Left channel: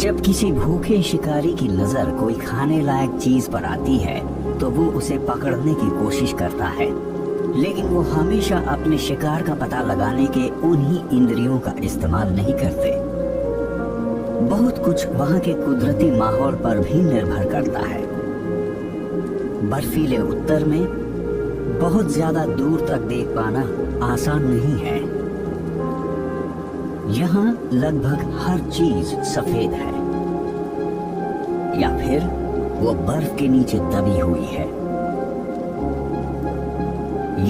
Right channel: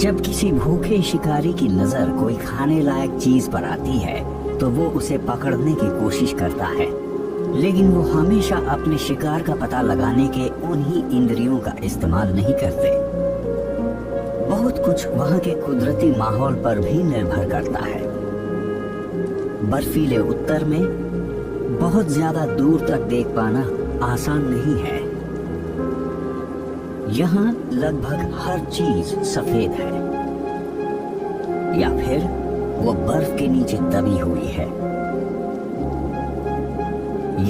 जब किसी भूखे शिकारी की नजर कोई खाने लायक चीज पर आती है तो वो उसे पकड़ने की कोशिश करता है, लेकिन वो हमेशा अपने शिकार का पता लगाने के उन्हीं इंद्रियों का इस्तेमाल नहीं करते। बहुत कुछ वहाँ के कुदरती माहौल पर भी निर्भर करता है। बर्फीले उत्तर में बहुत ज्यादा दूर तक देख पाना आसान नहीं है। यहाँ लगभग हर चीज सफेद है या फिर वो बर्फ के नीचे दबी हुई है।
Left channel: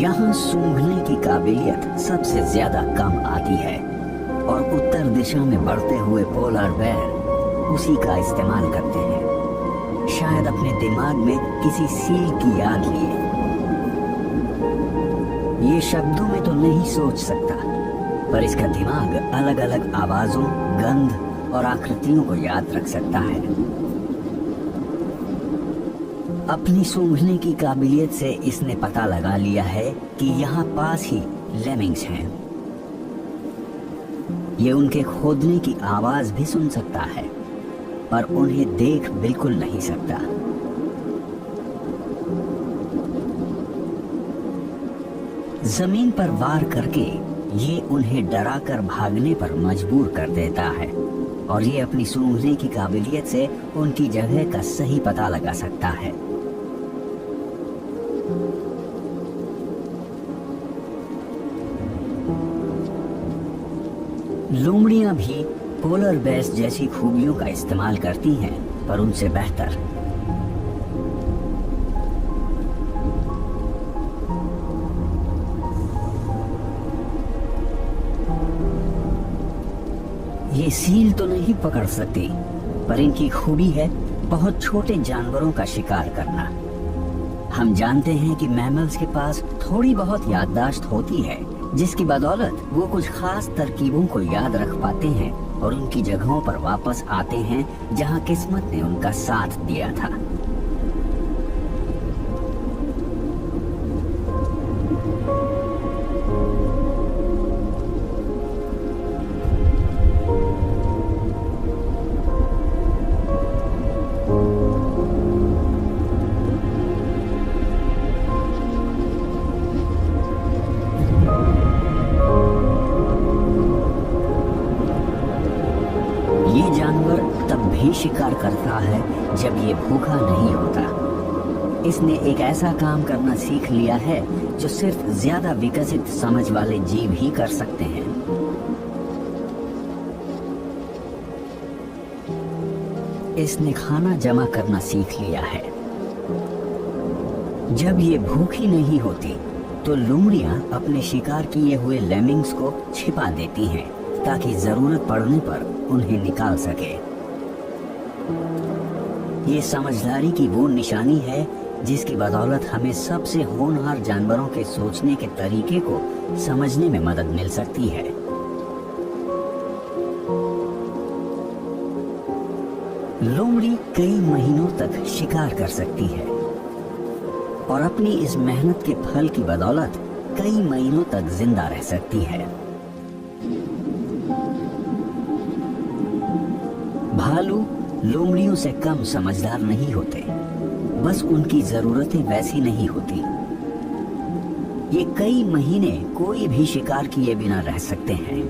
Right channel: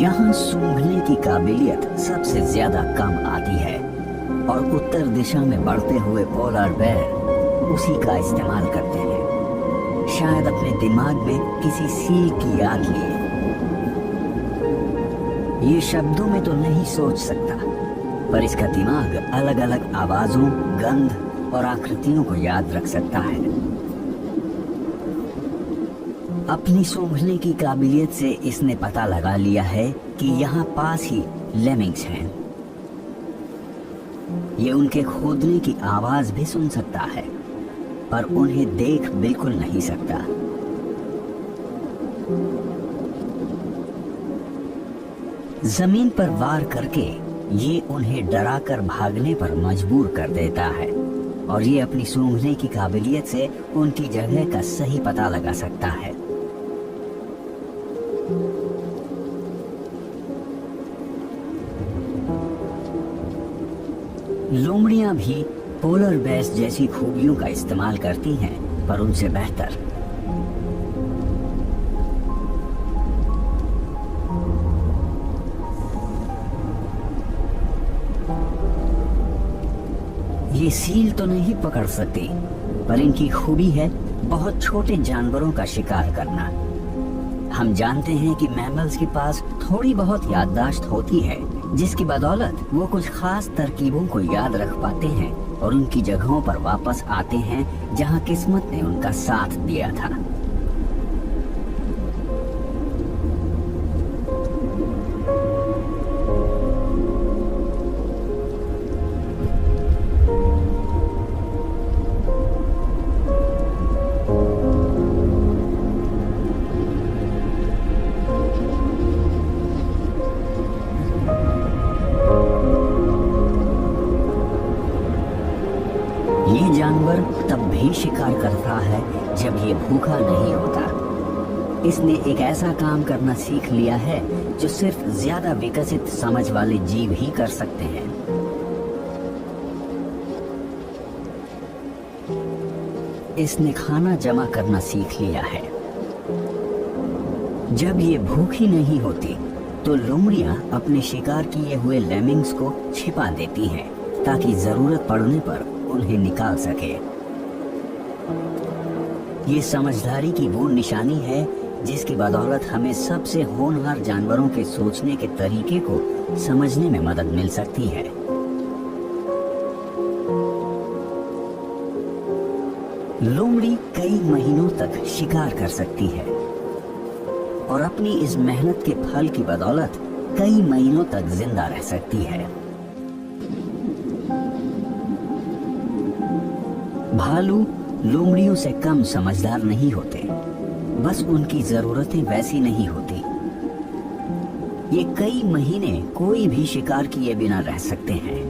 यहाँ सूंघने की काबिलियत सबसे ज्यादा कम आती है और उत्तर दिशा में बढ़ते हुए पोलर बेयर उसी का इस्तेमाल करते हैं, शायद अपने दिमाग में किसी सील की याद लिए। ये शब्दों में तो नहीं सोच सकता, पर इसका दिमाग अलग अलग आवाजों, गंध और आकृतियों को याद रख सकता है। अपनी सूंघने की काबिलियत से इसने पता लगा लिया है कि यहाँ पास ही लेमिंग्स हैं। ये उनके खोदने की आवाज भी सुन सकता है, पर उन्हें देख बिल्कुल नहीं सकता। जमीन पर वार करके ये उन्हें डराकर भागने पर मजबूर कर देता है और ये अपनी सूंघने की काबिलियत से उनकी जगह का सही पता लगा सकता है। लोमड़ियां भी पोलर बेयर्स जैसी खूबियों का इस्तेमाल करती हैं, पर उनसे बेहतर। ये सील तो नहीं पकड़ सकती, पर इनकी खूबी है बहुत छोटे जानवरों का शिकार करना। हम जानते हैं कि मैमल्स के पास थोड़ी बहुत याददाश्त होती है, जिसकी बदौलत वो कुछ खास तरकीबों को याद रख पाते हैं और उनकी जगहों पर वापस आते हैं जहां किस्मत ने उनका साथ दिया था। शिकार करता है जब ये भूखा नहीं होता। इसने एक ऐसा काम करना सीख लिया है जो सिर्फ ज्यादा विकसित समझ वाले जीव ही कर सकते हैं। इसने खाना जमा करना सीख लिया है। जब ये भूखी नहीं होती तो लोमड़ियां अपने शिकार किए हुए लेमिंग्स को छिपा देती हैं ताकि जरूरत पड़ने पर उन्हें निकाल सके। ये समझदारी की वो निशानी है जिसकी बदौलत हमें सबसे होनहार जानवरों के सोचने के तरीके को समझने में मदद मिल सकती है। लोमड़ी कई महीनों तक शिकार कर सकती है और अपनी इस मेहनत के फल की बदौलत कई महीनों तक जिंदा रह सकती है। भालू लोमड़ियों से कम समझदार नहीं होते, बस उनकी जरूरतें वैसी नहीं होती। ये कई महीने कोई भी शिकार किए बिना रह सकते हैं।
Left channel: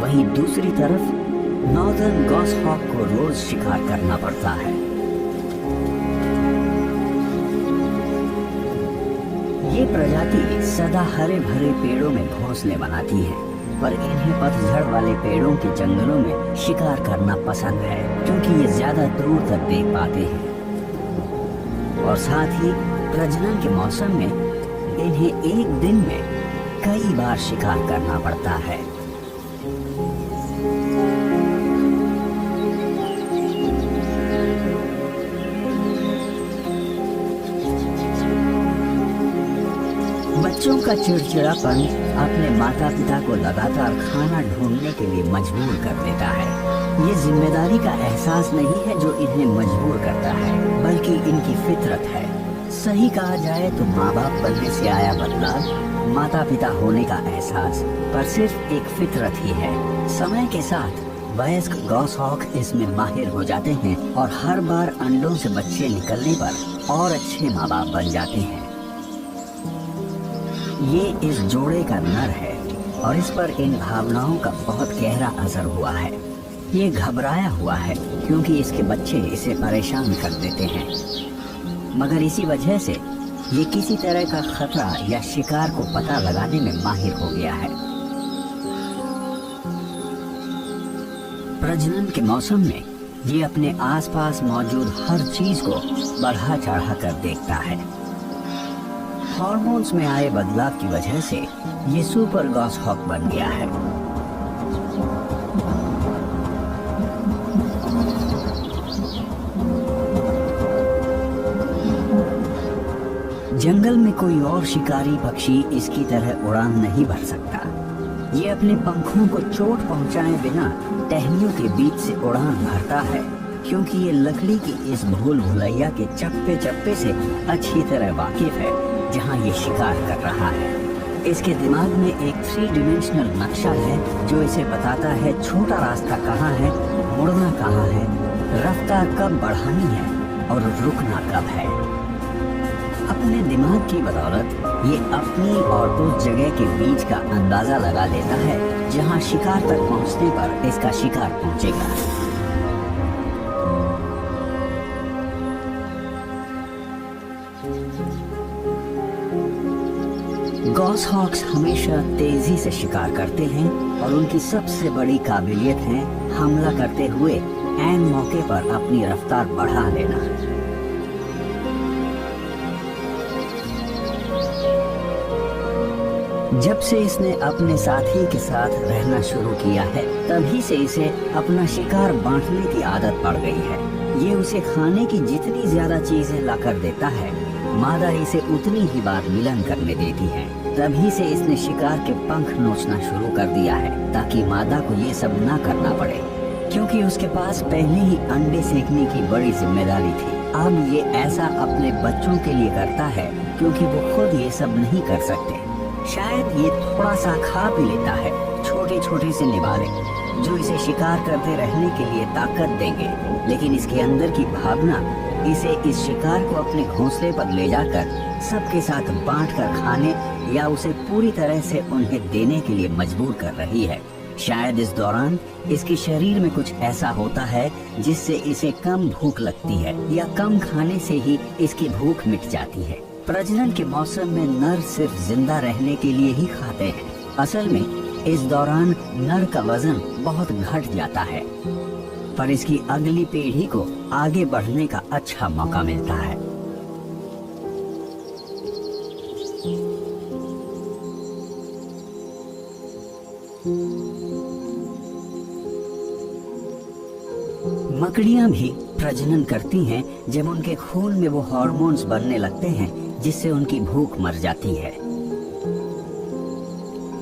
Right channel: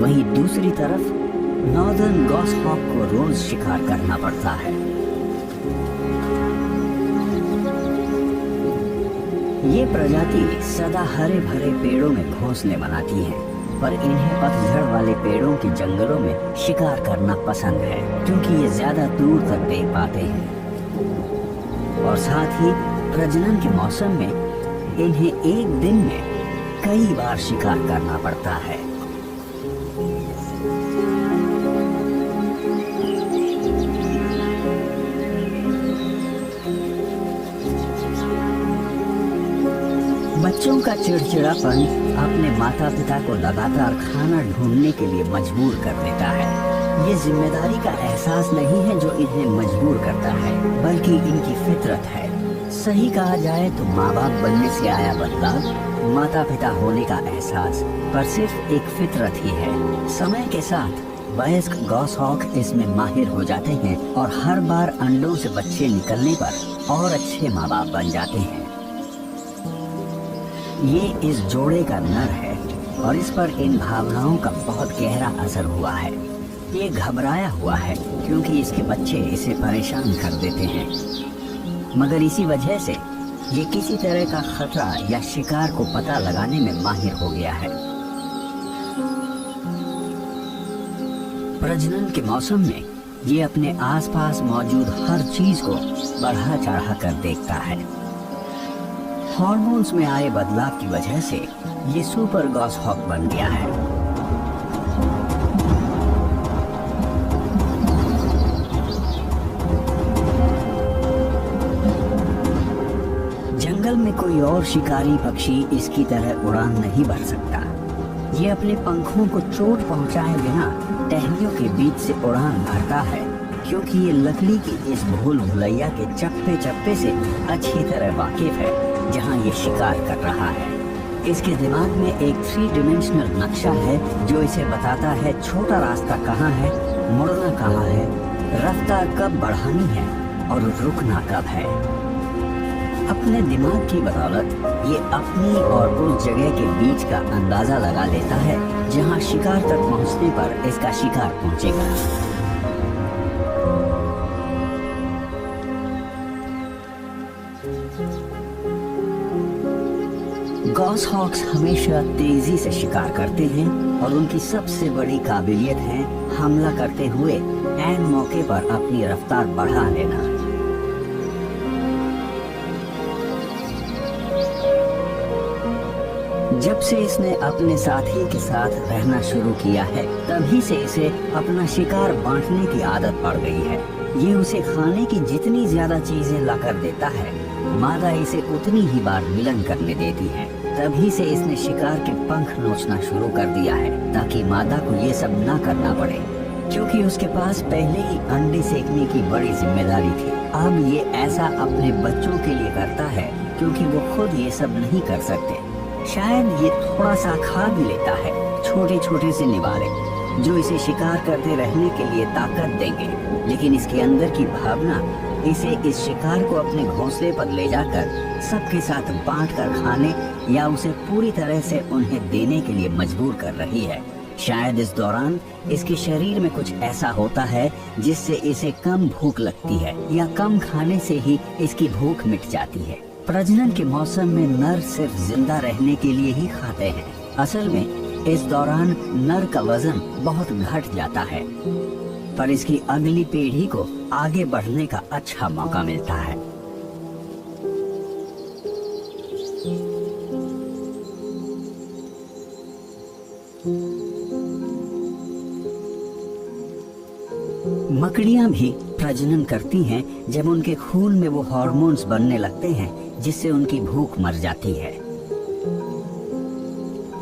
वहीं दूसरी तरफ नॉर्दर्न गॉसहॉक को रोज शिकार करना पड़ता है। ये प्रजाति सदा हरे भरे पेड़ों में घोंसले बनाती है, पर इन्हें पतझड़ वाले पेड़ों के जंगलों में शिकार करना पसंद है क्योंकि ये ज्यादा दूर तक देख पाते हैं और साथ ही प्रजनन के मौसम में इन्हें एक दिन में कई बार शिकार करना पड़ता है। बच्चों का चिड़चिड़ापन अपने माता पिता को लगातार खाना ढूंढने के लिए मजबूर कर देता है। ये जिम्मेदारी का एहसास नहीं है जो इन्हें मजबूर करता है, बल्कि इनकी फितरत है। सही कहा जाए तो माँ बाप बनने से आया बदला, माता पिता होने का एहसास पर सिर्फ एक फितरत ही है। समय के साथ वयस्क गॉसहॉक इसमें माहिर हो जाते हैं और हर बार अंडों से बच्चे निकलने पर और अच्छे माँ बाप बन जाते हैं। ये इस जोड़े का नर है और इस पर इन भावनाओं का बहुत गहरा असर हुआ है। ये घबराया हुआ है क्योंकि इसके बच्चे इसे परेशान कर देते हैं, मगर इसी वजह से ये किसी तरह का खतरा या शिकार को पता लगाने में माहिर हो गया है। प्रजनन के मौसम में ये अपने आसपास मौजूद हर चीज को बढ़ा चढ़ा कर देखता है। हार्मोन्स में आए बदलाव की वजह से ये सुपर गॉसहॉक बन गया है। जंगल में कोई और शिकारी पक्षी इसकी तरह उड़ान नहीं भर सकता। ये अपने पंखों को चोट पहुंचाए बिना टहनियों के बीच से उड़ान भरता है, क्योंकि ये लकड़ी की इस भूल भुलैया के चप्पे चप्पे से अच्छी तरह वाकिफ है जहां ये शिकार कर रहा है। इसके दिमाग में एक 3 डायमेंशनल नक्शा है जो इसे बताता है छोटा रास्ता कहाँ है, मुड़ना कहाँ है, रफ्तार कब बढ़ानी है और रुकना कब है। अपने दिमाग की बदौलत ये अपनी और उस जगह के बीच का अंदाजा लगा लेता है जहां शिकार तक पहुंचने पर इसका शिकार पहुंचेगा। गॉसहॉक्स हमेशा तेजी से शिकार करते हैं और उनकी सबसे बड़ी काबिलियत है हमला करते हुए ऐन मौके पर अपनी रफ्तार बढ़ा लेना। जब से इसने अपने साथी के साथ रहना शुरू किया है तभी से इसे अपना शिकार बांटने की आदत पड़ गई है। ये उसे खाने की जितनी ज्यादा चीजें लाकर देता है, मादा इसे उतनी ही बार मिलन करने देती है। तभी से इसने शिकार के पंख नोचना शुरू कर दिया है ताकि मादा को ये सब ना करना पड़े, क्योंकि उसके पास पहले ही अंडे सेकने की बड़ी जिम्मेदारी थी। अब ये ऐसा अपने बच्चों के लिए करता है क्योंकि वो खुद ये सब नहीं कर सकते। शायद ये थोड़ा सा खा भी लेता है, छोटे छोटे से निवाले जो इसे शिकार करते रहने के लिए ताकत देंगे, लेकिन इसके अंदर की भावना इसे इस शिकार को अपने घोंसले पर ले जाकर सबके साथ बांटकर खाने या उसे पूरी तरह से उन्हें देने के लिए मजबूर कर रही है। शायद इस दौरान इसके शरीर में कुछ ऐसा होता है जिससे इसे कम भूख लगती है या कम खाने से ही इसकी भूख मिट जाती है। प्रजनन के मौसम में नर सिर्फ जिंदा रहने के लिए ही खाते हैं। असल में इस दौरान नर का वजन बहुत घट जाता है, पर इसकी अगली पीढ़ी को आगे बढ़ने का अच्छा मौका मिलता है। मकड़ियां भी प्रजनन करती हैं जब उनके खून में वो हार्मोन्स बनने लगते हैं जिससे उनकी भूख मर जाती है,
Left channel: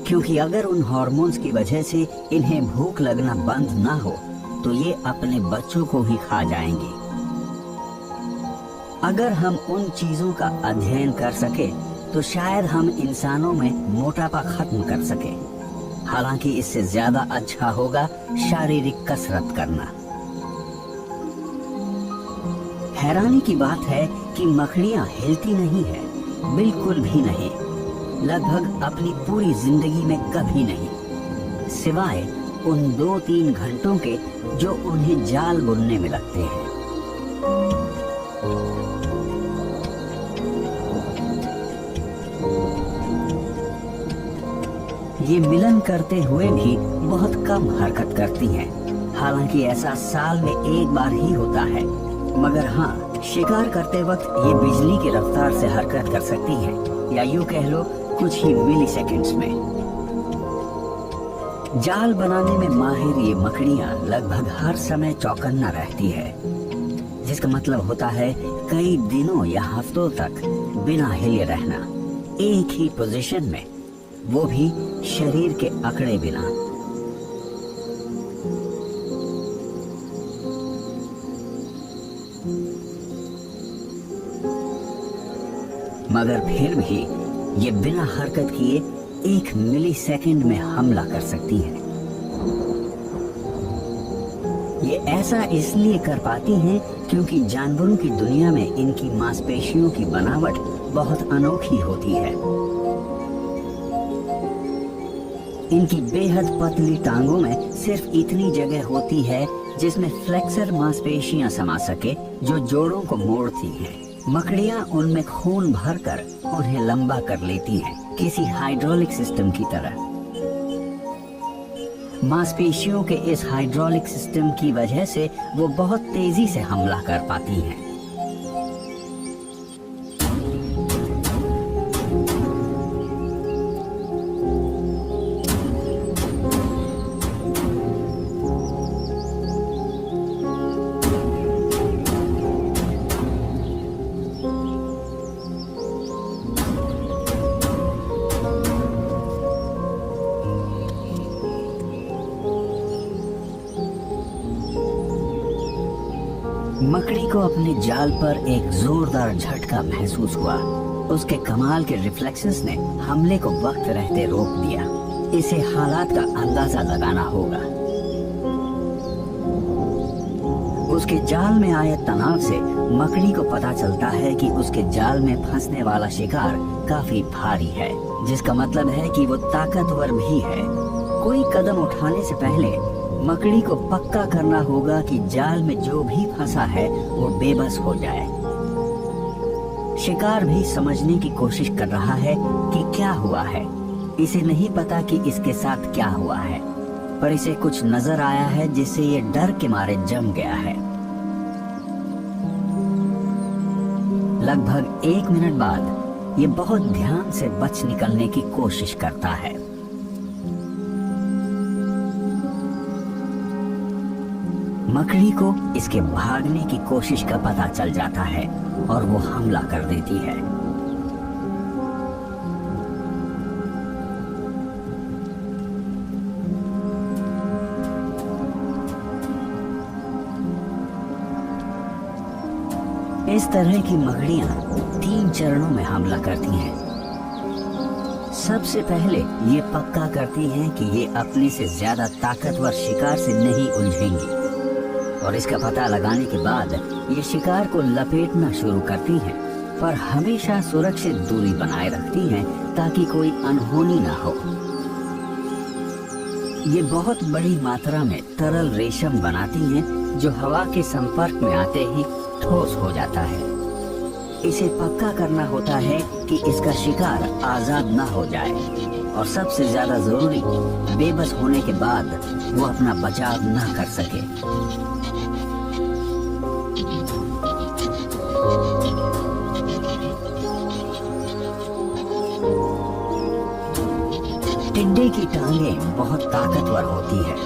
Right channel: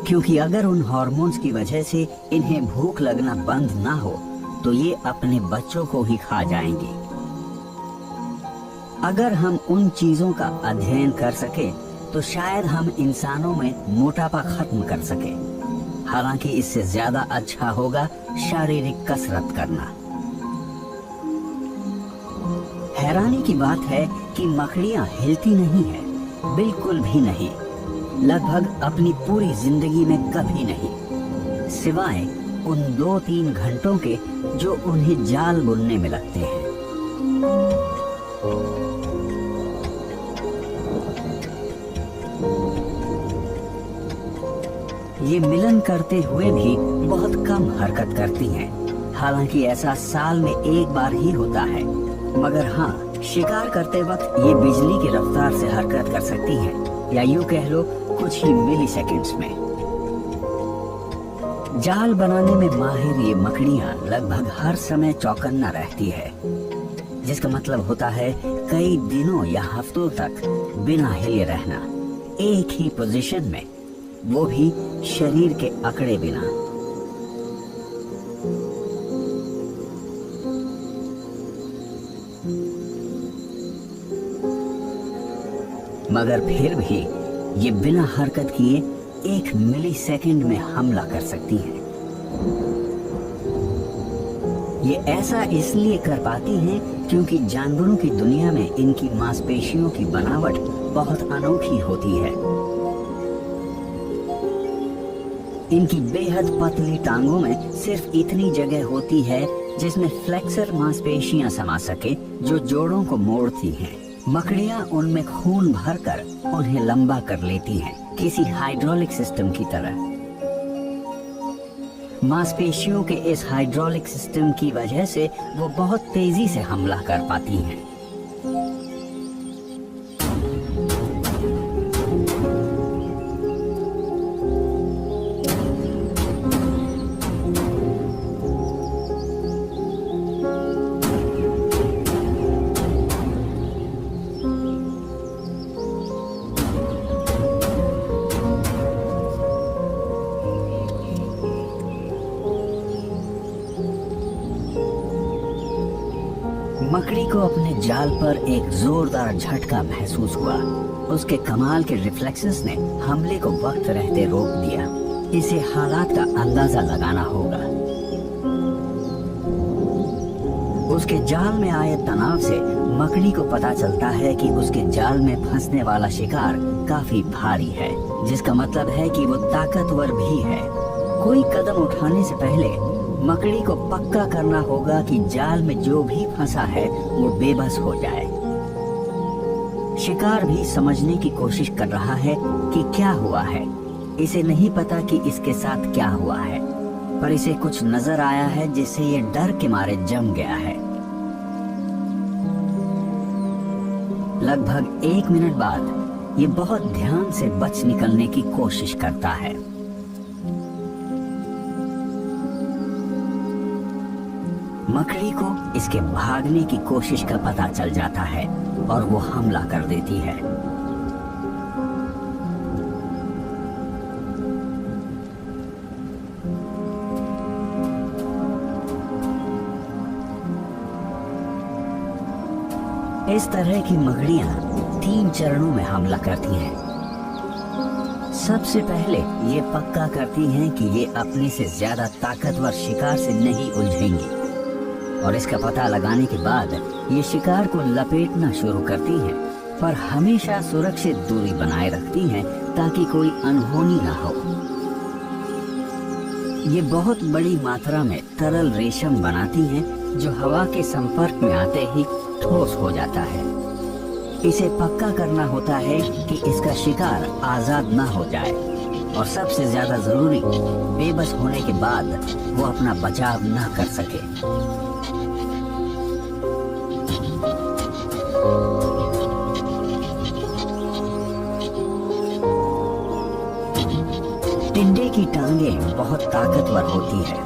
क्योंकि अगर उन हार्मोन्स की वजह से इन्हें भूख लगना बंद ना हो तो ये अपने बच्चों को ही खा जाएंगी। अगर हम उन चीजों का अध्ययन कर सके तो शायद हम इंसानों में मोटापा खत्म कर सके। हालांकि इससे ज्यादा अच्छा होगा शारीरिक कसरत करना। हैरानी की बात है कि मकड़ियां हिलती नहीं है, बिल्कुल भी नहीं, लगभग अपनी पूरी जिंदगी में कभी नहीं, सिवाय उन 2-3 घंटों के जो उन्हें जाल बुनने में लगते हैं। ये मिलन करते हुए भी बहुत कम हरकत करती हैं। हालांकि ऐसा साल में एक बार ही होता है, मगर हाँ, शिकार करते वक्त ये बिजली की रफ्तार से हरकत कर सकती हैं, या यूं कह लो कुछ ही मिली सेकेंड्स में। जाल बनाने में माहिर ये मकड़ियां लगभग हर समय चौकन्ना रहती है, जिसका मतलब होता है कई दिनों या हफ्तों तक बिना हिले रहना, एक ही पोजीशन में, वो भी शरीर के अकड़े बिना। मगर फिर भी ये बिना हरकत किए 1 मिली सेकेंड में हमला कर सकती है। ये ऐसा इसलिए कर पाती हैं क्योंकि जानवरों की दुनिया में इनकी मांसपेशियों की बनावट बहुत अनोखी होती है। इनकी बेहद पतली टांगों में सिर्फ इतनी जगह होती है जिसमें फ्लेक्सर मांसपेशियां समा सके, जो जोड़ों को मोड़ती हैं। मकड़ियां उनमें खून भरकर उन्हें लंबा कर लेती हैं, किसी हाइड्रोलिक सिस्टम की तरह। मांसपेशियों के इस हाइड्रोलिक सिस्टम की वजह से वो बहुत तेजी से हमला कर पाती हैं। मकड़ी को अपने जाल पर एक जोरदार झटका महसूस हुआ। उसके कमाल के रिफ्लेक्सेस ने हमले को वक्त रहते रोक दिया। इसे हालात का अंदाजा लगाना होगा। उसके जाल में आए तनाव से मकड़ी को पता चलता है कि उसके जाल में फंसने वाला शिकार काफी भारी है, जिसका मतलब है कि वो ताकतवर भी है। कोई कदम उठाने से पहले मकड़ी को पक्का करना होगा कि जाल में जो भी फंसा है वो बेबस हो जाए। शिकार भी समझने की कोशिश कर रहा है कि क्या हुआ है। इसे नहीं पता कि इसके साथ क्या हुआ है, पर इसे कुछ नजर आया है जिससे ये डर के मारे जम गया है। लगभग 1 मिनट बाद ये बहुत ध्यान से बच निकलने की कोशिश करता है। मकड़ी को इसके भागने की कोशिश का पता चल जाता है और वो हमला कर देती है। इस तरह की मकड़ियां 3 चरणों में हमला करती हैं। सबसे पहले ये पक्का करती हैं कि ये अपने से ज्यादा ताकतवर शिकार से नहीं उलझेंगी, और इसका पता लगाने के बाद ये शिकार को लपेटना शुरू करती हैं, पर हमेशा सुरक्षित दूरी बनाए रखती हैं ताकि कोई अनहोनी ना हो। ये बहुत बड़ी मात्रा में तरल रेशम बनाती हैं, जो हवा के संपर्क में आते ही ठोस हो जाता है। इसे पक्का करना होता है कि इसका शिकार आजाद न हो जाए, और सबसे ज्यादा जरूरी, बेबस होने के बाद वो अपना बचाव न कर सके। टिड्डे की टांगें बहुत ताकतवर होती है,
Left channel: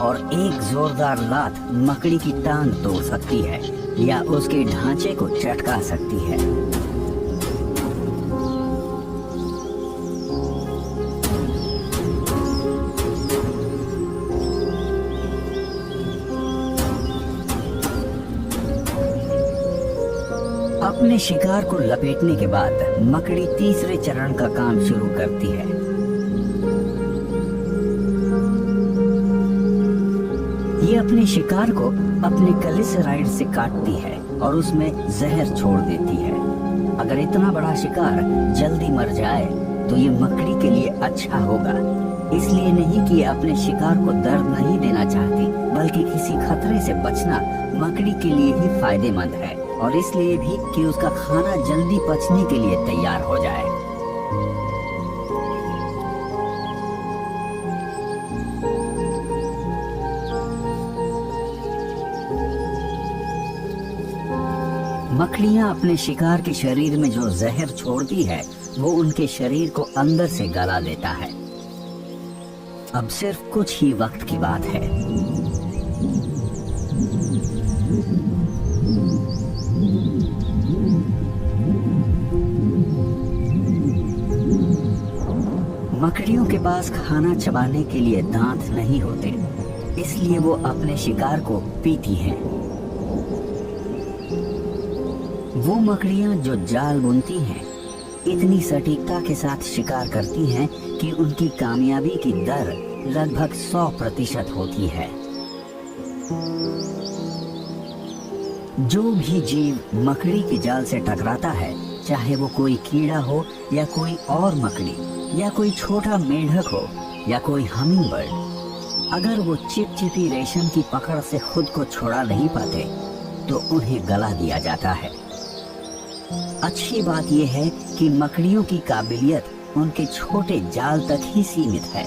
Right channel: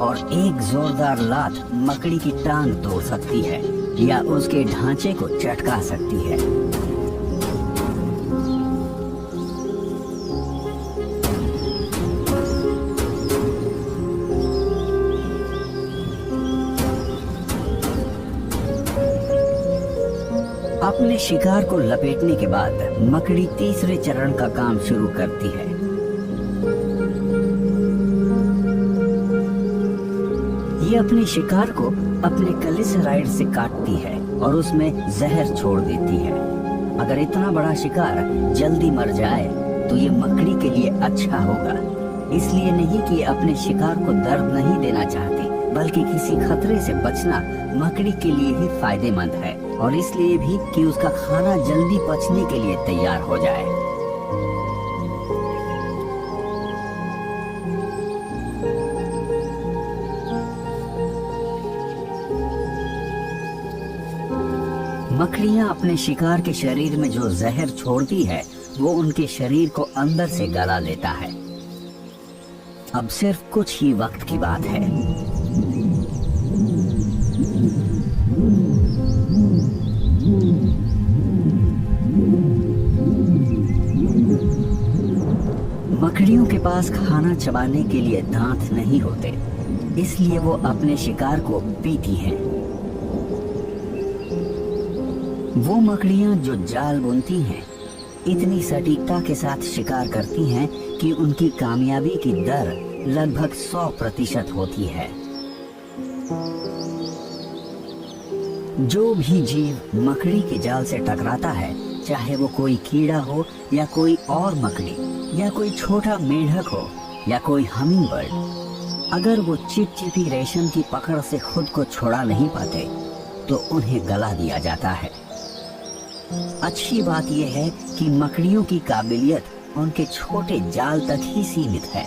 और एक जोरदार लात मकड़ी की टांग तोड़ सकती है या उसके ढांचे को चटका सकती है। अपने शिकार को लपेटने के बाद मकड़ी तीसरे चरण का काम शुरू करती है। ये अपने शिकार को अपने कलिसराइड से काटती है और उसमें जहर छोड़ देती है। अगर इतना बड़ा शिकार जल्दी मर जाए तो ये मकड़ी के लिए अच्छा होगा। इसलिए नहीं कि ये अपने शिकार को दर्द नहीं देना चाहती, बल्कि किसी खतरे से बचना मकड़ी के लिए ही फायदेमंद है, और इसलिए भी कि उसका खाना जल्दी पचने के लिए तैयार हो जाए। मकड़ियां अपने शिकार के शरीर में जो जहर छोड़ती है वो उनके शरीर को अंदर से गला लेता है। अब सिर्फ कुछ ही वक्त की बात है। मकड़ियों के पास खाना चबाने के लिए दांत नहीं होते, इसलिए वो अपने शिकार को पीती हैं। वो मकड़ियां जो जाल बुनती हैं, इतनी सटीकता के साथ शिकार करती हैं कि उनकी कामयाबी की दर लगभग 100% होती है। जो भी जीव मकड़ी के जाल से टकराता है, चाहे वो कोई कीड़ा हो या कोई और मकड़ी या कोई छोटा मेढक हो या कोई हमिंग बर्ड, अगर वो चिपचिपी रेशम की पकड़ से खुद को छुड़ा नहीं पाते तो उन्हें गला दिया जाता है। अच्छी बात यह है कि मकड़ियों की काबिलियत उनके छोटे जाल तक ही सीमित है।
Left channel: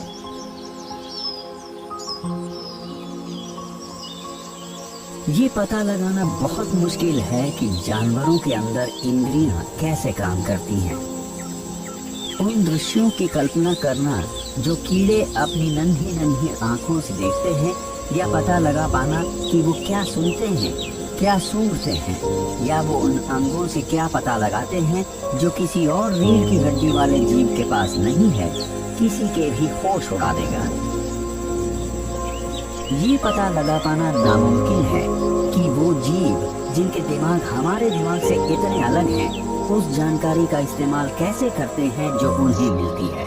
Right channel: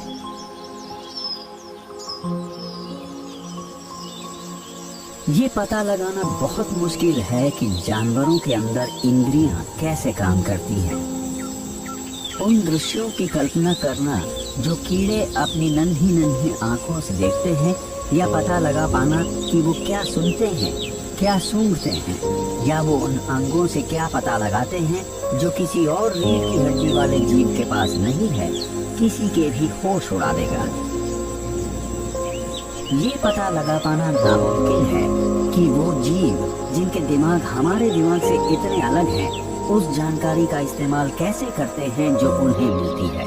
ये पता लगाना बहुत मुश्किल है कि जानवरों के अंदर इंद्रियां कैसे काम करती हैं। उन दृश्यों की कल्पना करना जो कीड़े अपनी नन्ही नन्ही आंखों से देखते हैं, या पता लगा पाना कि वो क्या सुनते हैं, क्या सूंघते हैं, या वो उन अंगों से क्या पता लगाते हैं जो किसी और रीढ़ की हड्डी वाले जीव के पास नहीं है, किसी के भी होश उड़ा देगा। ये पता लगा पाना नामुमकिन है कि वो जीव जिनके दिमाग हमारे दिमाग से इतने अलग हैं, उस जानकारी का इस्तेमाल कैसे करते हैं जो उन्हें मिलती है।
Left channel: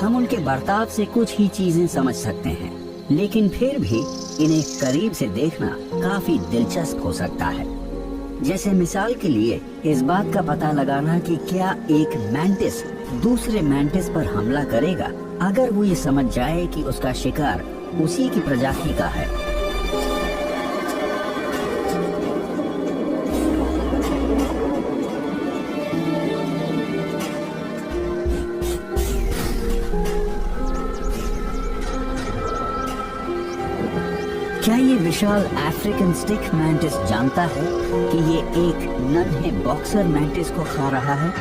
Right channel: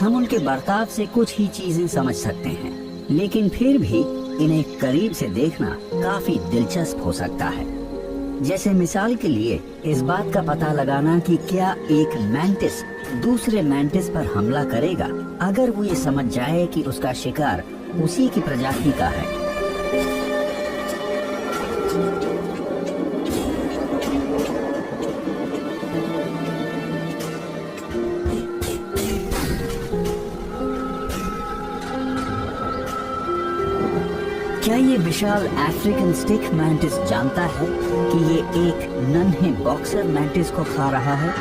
हम उनके बर्ताव से कुछ ही चीजें समझ सकते हैं, लेकिन फिर भी इन्हें करीब से देखना काफी दिलचस्प हो सकता है। जैसे मिसाल के लिए इस बात का पता लगाना कि क्या एक मैंटिस दूसरे मैंटिस पर हमला करेगा अगर वो ये समझ जाए कि उसका शिकार उसी की प्रजाति का है। क्या ये विशाल अफ्रीकन स्टिक मैंटिस जानता है कि ये एक नन्हे बॉक्सर मैंटिस को खा रहा है?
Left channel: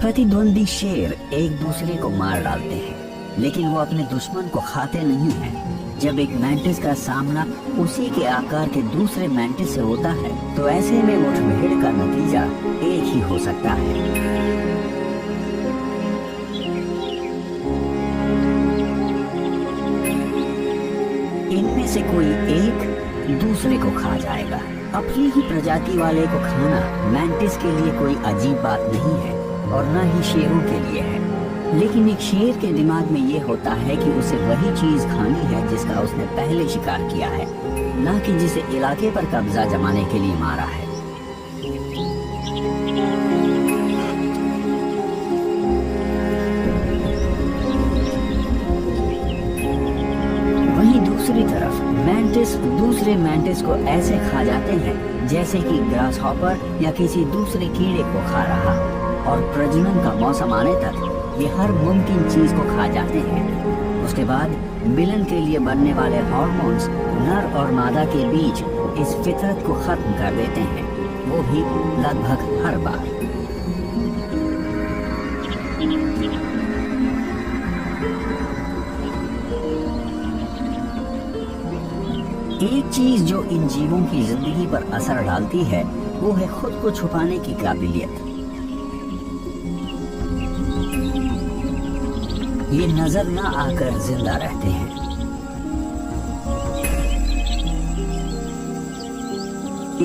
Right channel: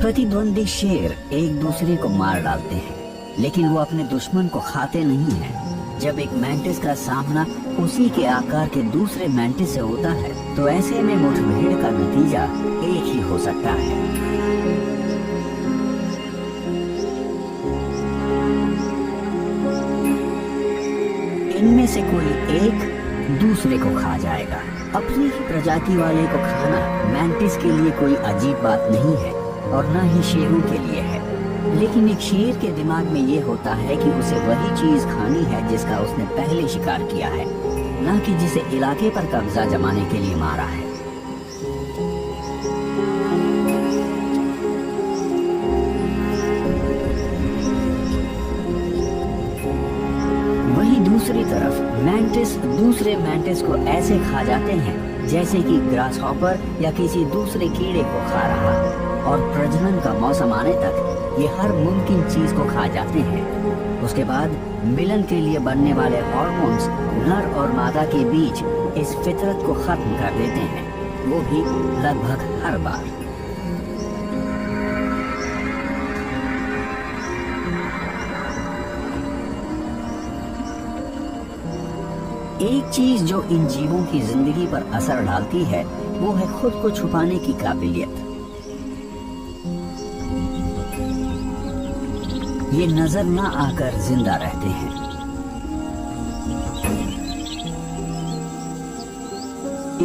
प्रतिद्वंदी शेर एक दूसरे को मार डालते हैं, लेकिन वो अपने दुश्मन को खाते नहीं हैं। जब एक मैंटिस का सामना उसी के आकार के दूसरे मैंटिस से होता है, तो ऐसे में मुठभेड़ का नतीजा एक ही हो सकता है। इनमें से कोई एक दूसरे को खा जाएगा। अपनी ही प्रजाति वाले को खाना मैंटिस के लिए कोई अजीब बात नहीं है, और न ही शेरों के लिए है। लेकिन एक शेर के दिमाग में ये होता है कि उसे वही चीज खानी है जिसका उसने पहले शिकार किया है, न कि जिसे इलाके पर कब्जा जमाने के लिए मारा है। वहीं दूसरी तरफ मैंटिस दूसरे मैंटिस को ऐसे खा जाते हैं जैसे कि ग्रास हॉपर या किसी दूसरे कीड़े को खा रहा, और प्रजनन का मौसम आने तक ये हर मुमकिन चीज को खा जाते हैं। उसके बाद मिलन के लिए बनने वाले हार्मोन्स नर और मादा के बीच इस फितरत को खत्म कर देते हैं, वो भी लगभग हर बार। एक चीज जो इन जीवों की जिंदगी पर असर डालती है वो है खुद को छुपाने की काबिलियत। ये नजर न आकर जिंदा रहते हैं।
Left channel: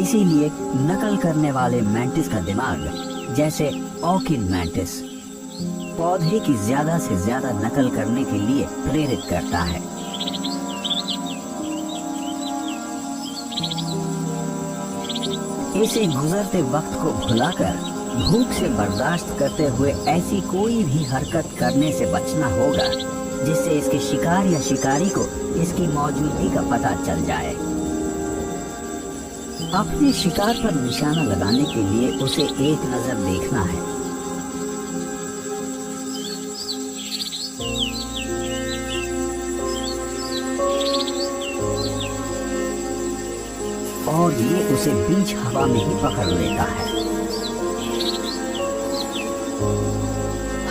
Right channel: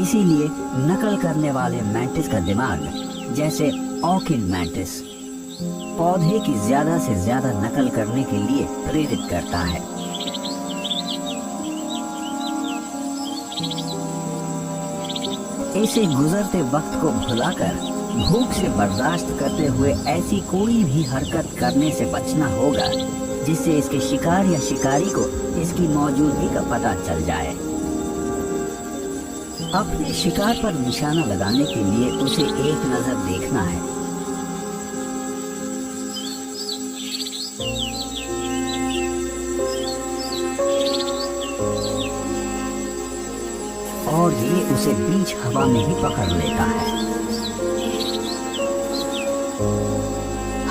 इसीलिए नकल करने वाले मैंटिस का दिमाग, जैसे ऑकिन मैंटिस, पौधे की ज्यादा से ज्यादा नकल करने के लिए प्रेरित करता है। इसे गुजरते वक्त को भुलाकर भूख से बर्दाश्त करते हुए ऐसी कोई भी हरकत करने से बचना होगा जिससे इसके शिकार या शिकारी को इसकी मौजूदगी का पता चल जाए। अपने शिकार पर निशाना लगाने के लिए उसे एक नजर देखना है। और ये उसे बीच हवा में ही पकड़ लेता है।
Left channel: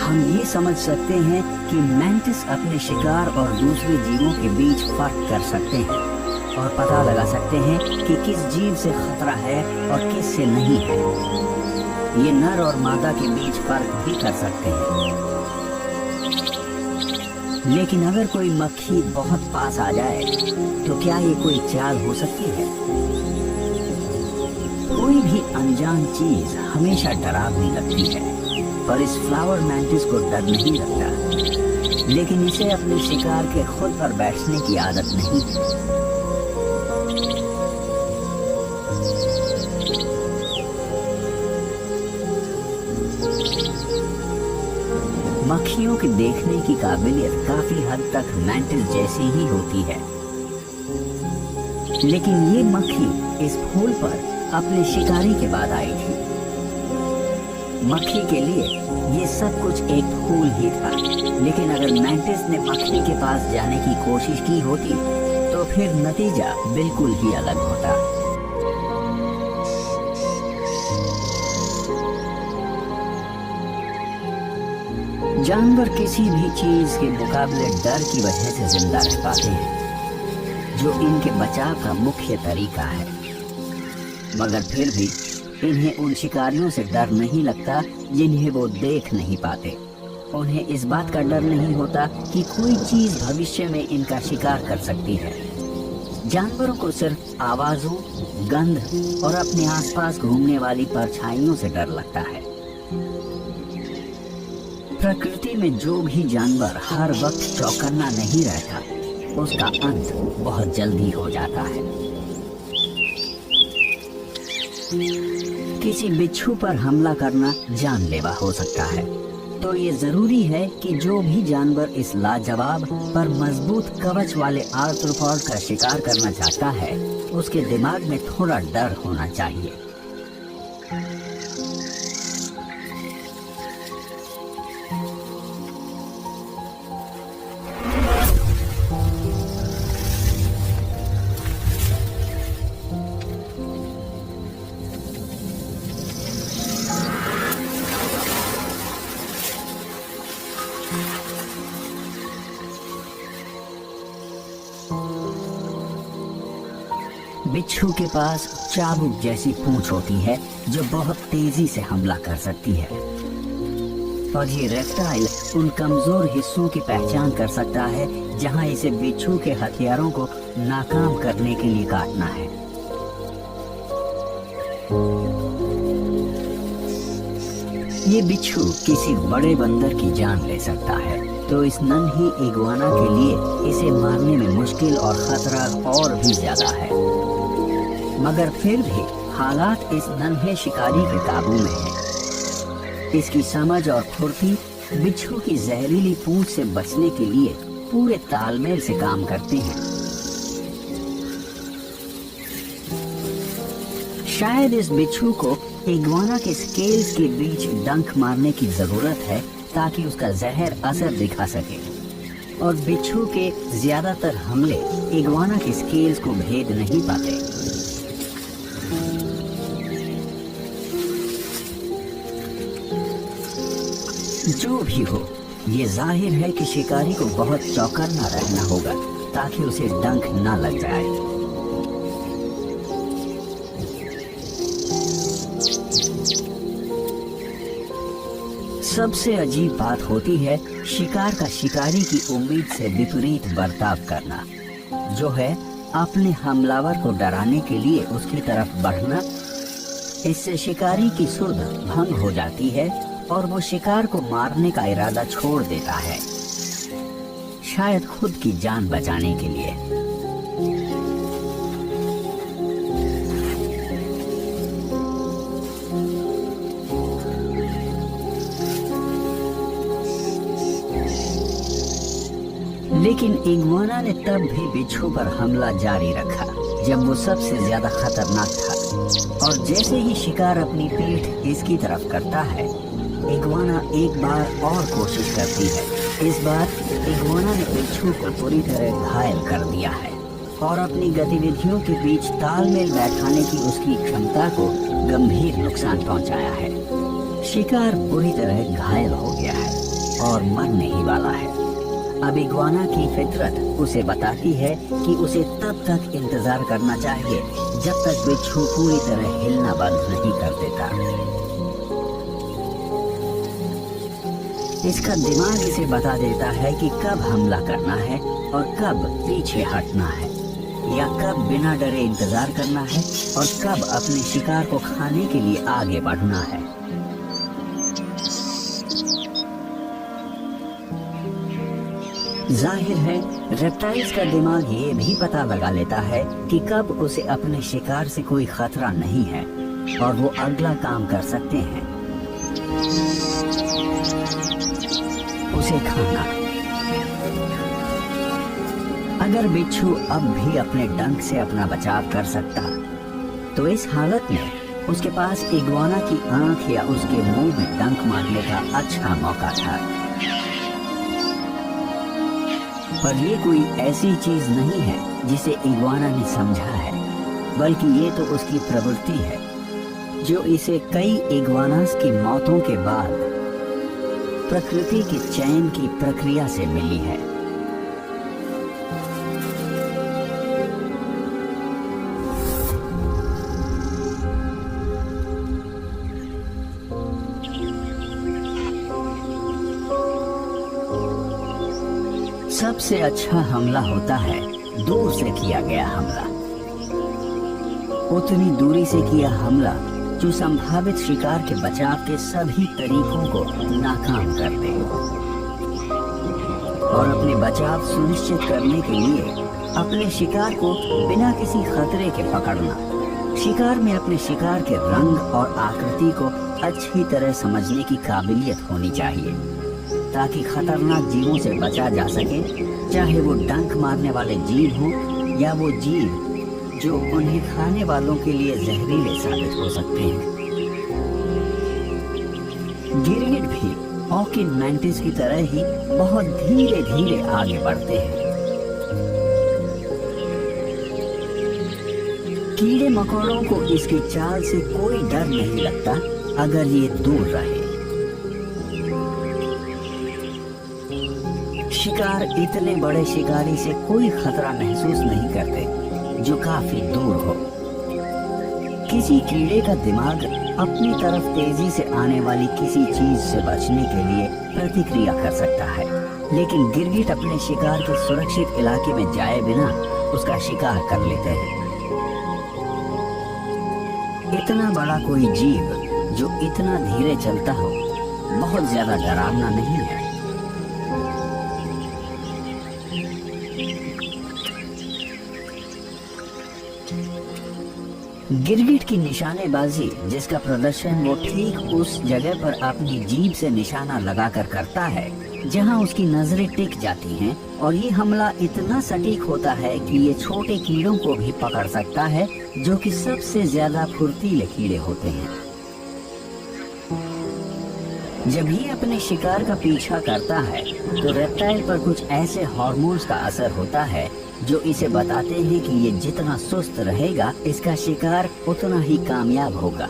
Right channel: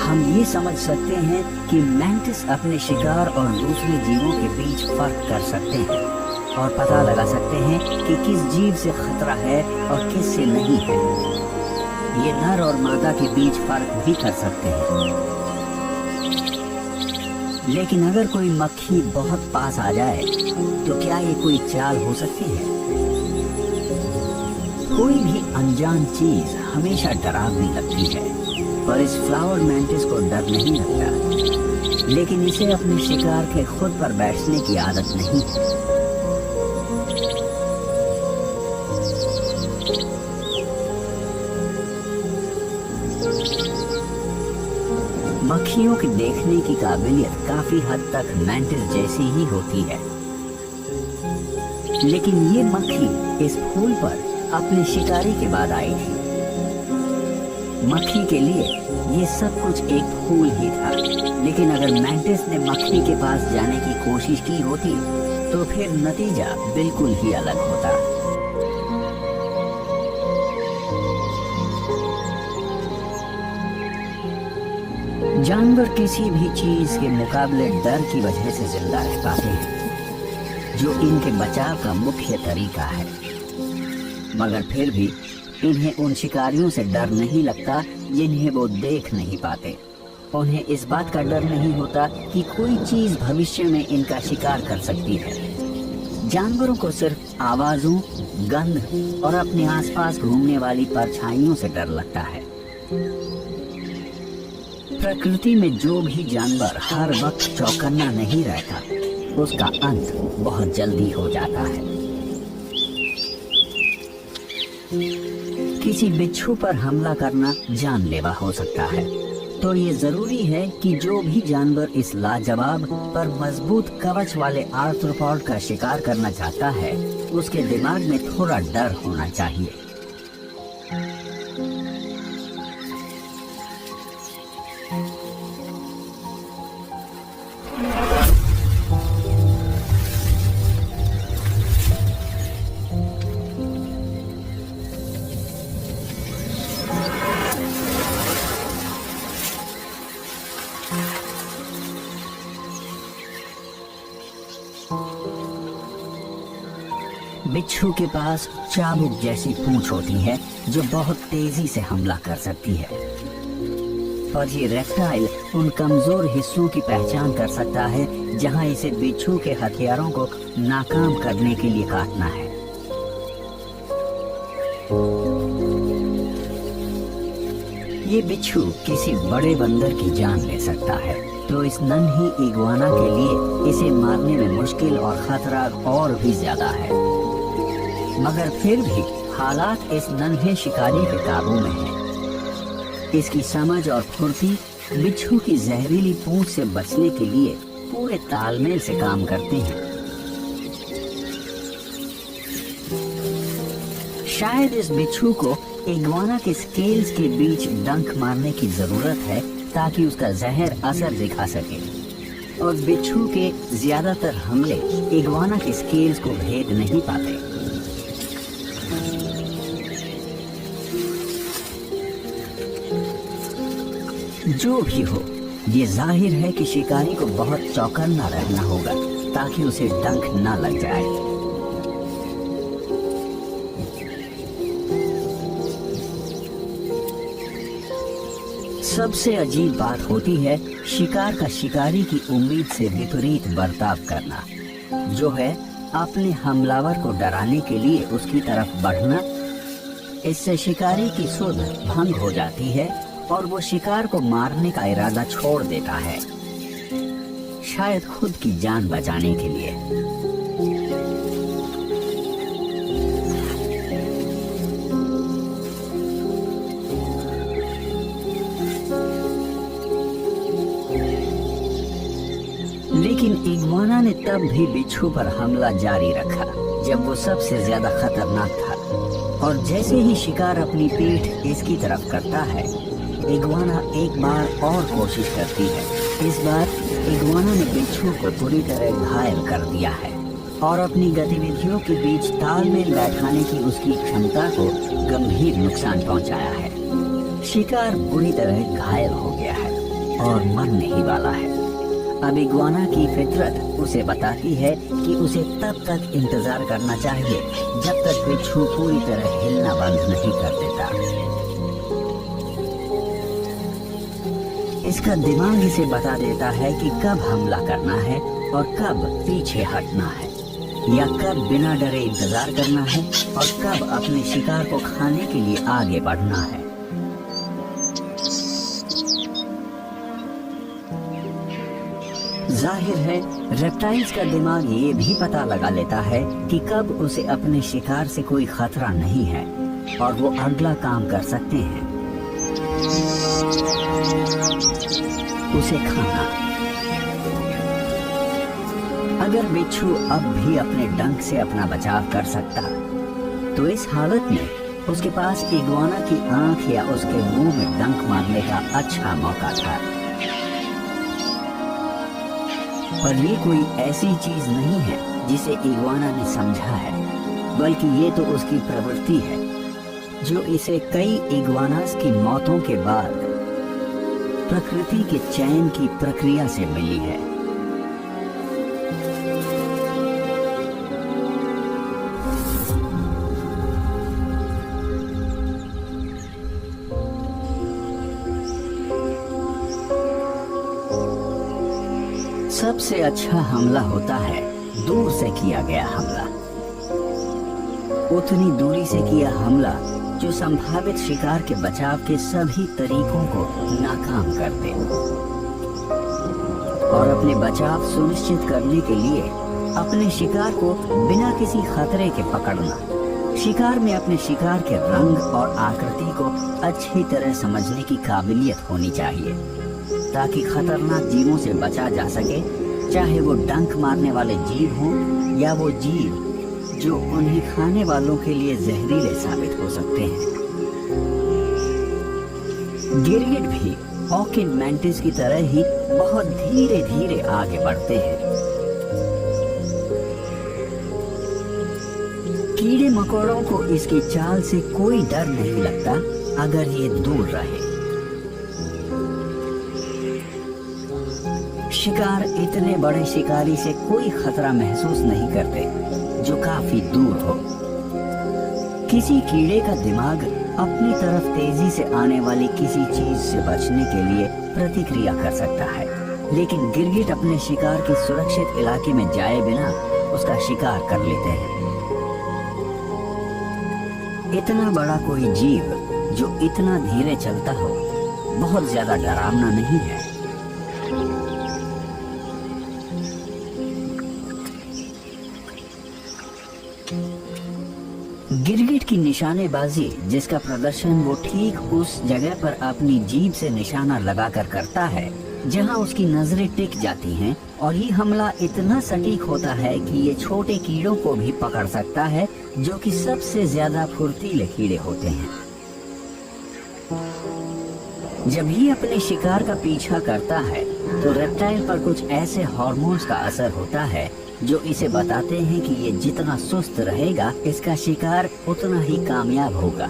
हम ये समझ सकते हैं कि मैंटिस अपने शिकार और दूसरे जीवों के बीच फर्क कर सकते हैं और पता लगा सकते हैं कि किस जीव से खतरा है और किस से नहीं है। ये नर और मादा के बीच फर्क भी कर सकते हैं। लेकिन अगर कोई मक्खी बहुत पास आ जाए तो क्या ये कोई चाल हो सकती है? कोई भी अनजान चीज हमेशा डरावनी लगती है, पर इस फ्लावर मैंटिस को डर नहीं लगता। लेकिन इसे अपने शिकार के खुद पर बैठने की आदत नहीं है। मक्खियों के देखने की काबिलियत काफी हद तक मैंटिस जैसी ही होती है, लेकिन ये मक्खी इस फूल पर अपने शिकारी के बाद आई थी। मक्खी के लिए ये सब कुछ एक फूल ही था, लेकिन अगर मैंटिस ने मक्खी के पास जाने की कोशिश की होती तो फिर नतीजा बिल्कुल ही अलग होता। जानवर किसी भी चीज के मुकाबले डर की वजह से जिंदा रह पाते हैं, जो इनके बचाव का मुख्य तरीका है। मगर फिर भी इन्हें उन शिकारियों से डर नहीं लगता जिन्हें वो देख नहीं पाते। उन्हें इस बात का डर नहीं होता कि कोई चीज भविष्य में इनका शिकार कर सकती है। जानवरों को सिर्फ आवाजों, गंध और अपने आसपास घूमने वाली परछाइयों से डर लगता है। प्रकृति में जो भी जानवर हर वक्त चौकन्ना नहीं रहता, उसका अंत बहुत जल्दी हो जाता है। किसी बिच्छू पर हमला करना जानलेवा हो सकता है, तो ये जरूरी है कि जो भी जानवर इस लाजवाब पर मजबूत कवच वाले आर्थ्रोपॉड का शिकार करना चाहता है, उसके दिमाग में थोड़ा डर होना चाहिए। बिच्छू के पास चाबुक जैसी पूंछ होती है जो बहुत तेजी से हमला कर सकती है, और ये रेप्टाइल उन कमजोर हिस्सों की पहचान कर सकता है जहां इसे बिच्छू के हथियारों को नाकाम करने के लिए काटना है। ये बिच्छू किसी बड़े बंदर की जान ले सकता है, तो इस नन्ही इग्वाना के लिए इसे मारने में मुश्किल और खतरा और भी ज्यादा है। मगर फिर भी हालात इस नन्हे शिकारी के काबू में है। इसकी समझ और फुर्ती बिच्छू की जहरीली पूंछ से बचने के लिए पूरे तालमेल से काम करते हैं। शायद इस बिच्छू को इग्वाना के स्केल्स के बीच डंक मारने की जरूरत है ताकि उसका जहर असर दिखा सके, और बिच्छू के ज्यादातर हमले इग्वाना के स्केल्स को भेद नहीं पाते। जो भी हो, ये जाहिर है कि शिकारी को बहुत चौकन्ना रहना होगा ताकि उसे डंक ना लग जाए। सबसे अजीब बात होती है शिकार का शिकारी की उम्मीद से विपरीत बर्ताव करना, जो है अपने हमलावर को डराने के लिए उसकी तरफ बढ़ना। इससे शिकारी की सुध भंग हो जाती है और वो शिकार को मारने का इरादा छोड़ देता है, शायद खुद की जान बचाने के लिए। लेकिन इग्वाना ने तब भी बिच्छू पर हमला जारी रखा जब वो सबसे ज्यादा खतरनाक था, और जैसे ही शिकार अपनी पीठ इसकी तरफ करता है, इग्वाना एक बार और कोशिश करती है। इस बार इग्वाना ने बिच्छू को पूरी तरह घायल कर दिया है और अपनी गतिविधियों के बीच तालमेल बैठाने की उसकी क्षमता को गंभीर नुकसान पहुंचाया है। शिकार पूरी तरह घायल हो गया है और मरने ही वाला है। अब इग्वाना की फितरत उसे बताती है कि उसे तब तक इंतजार करना चाहिए जब तक बिच्छू पूरी तरह हिलना बंद नहीं कर देता। इसका दिमाग इसे बता देता है कि कब हमला करना है और कब पीछे हटना है, या कब बिना डरे इंतजार करना है और कब अपने शिकार को खाने के लिए आगे बढ़ना है। जाहिर है रेप्टाइल्स का दिमाग ये भी पता लगा लेता है कि कब उसे अपने शिकार से कोई खतरा नहीं है और वो अगला काम कर सकते हैं, उसे खाना। अगर बिच्छू अब भी अपने डंक से अपना बचाव कर सकता तो इस हालत में उसके पास इग्वाना की आंख या उसके मुंह में डंक मारने का अच्छा मौका था। पर ये कोई ऐसी चीज नहीं है जिसे इग्वाना ने समझा है, बल्कि ये तो उसकी प्रवृत्ति है जो इसे कई इग्वानास की मौतों के बाद प्रकृति के चयन की प्रक्रिया से मिली है। सबसे अच्छा हमला होता है दूर से किया गया हमला, उतनी दूरी से किया हमला जो संभावित शिकार के बचाव के सभी तरीकों को नाकाम कर दे। और अपने बचाव सुनिश्चित करने के लिए अपने शिकार को बिना किसी खतरे के पकड़ना। शिकार में अपने शिकार के रंग और आकृति को अच्छी तरह समझने की काबिलियत होनी चाहिए ताकि खतरनाक जीवों से बचा जा सके, चाहे वो डंक मारने वाले जीव हो या वो जीव जो उन्हें खाने वालों के लिए जहरीले साबित हो सकते हैं। गिरगिट भी ऑर्किड मैंटिस की तरह ही बहुत धीरे धीरे आगे बढ़ते हैं। कीड़े मकोड़ों को इसकी चाल से कोई डर नहीं लगता अगर ये दूर रहे। शिकार इतने बड़े शिकारी से कोई खतरा महसूस नहीं करते जो काफी दूर हो। किसी कीड़े का दिमाग अपनी तरफ तेजी से आने वाली किसी चीज से बचने के लिए प्रतिक्रिया कर सकता है, लेकिन गिरगिट अपने शिकार के सुरक्षित इलाके में जाए बिना उसका शिकार कर लेते हैं। इतना बड़ा कोई जीव जो इतना धीरे चलता हो बहुत ज्यादा डरावना नहीं है। गिरगिट की निशानेबाजी, जिसका प्रदर्शन वो ठीक उस जगह पर अपनी जीभ से निशाना लगाकर करता है जहां उसकी नजरें टिक जाती हैं, और ये हमला इतना सटीक होता है कि ये छोटे कीड़ों को भी पकड़ सकता है जो कि सबसे ज्यादा फुर्तीले कीड़े होते हैं। जब ये अपने शिकार का पीछा करता है तो रेप्टाइल पर कुछ ऐसे हार्मोन्स का असर होता है जो इसे बताते हैं कि ये जितना सुस्त रहेगा इसका शिकार उतना ही कामयाब होगा।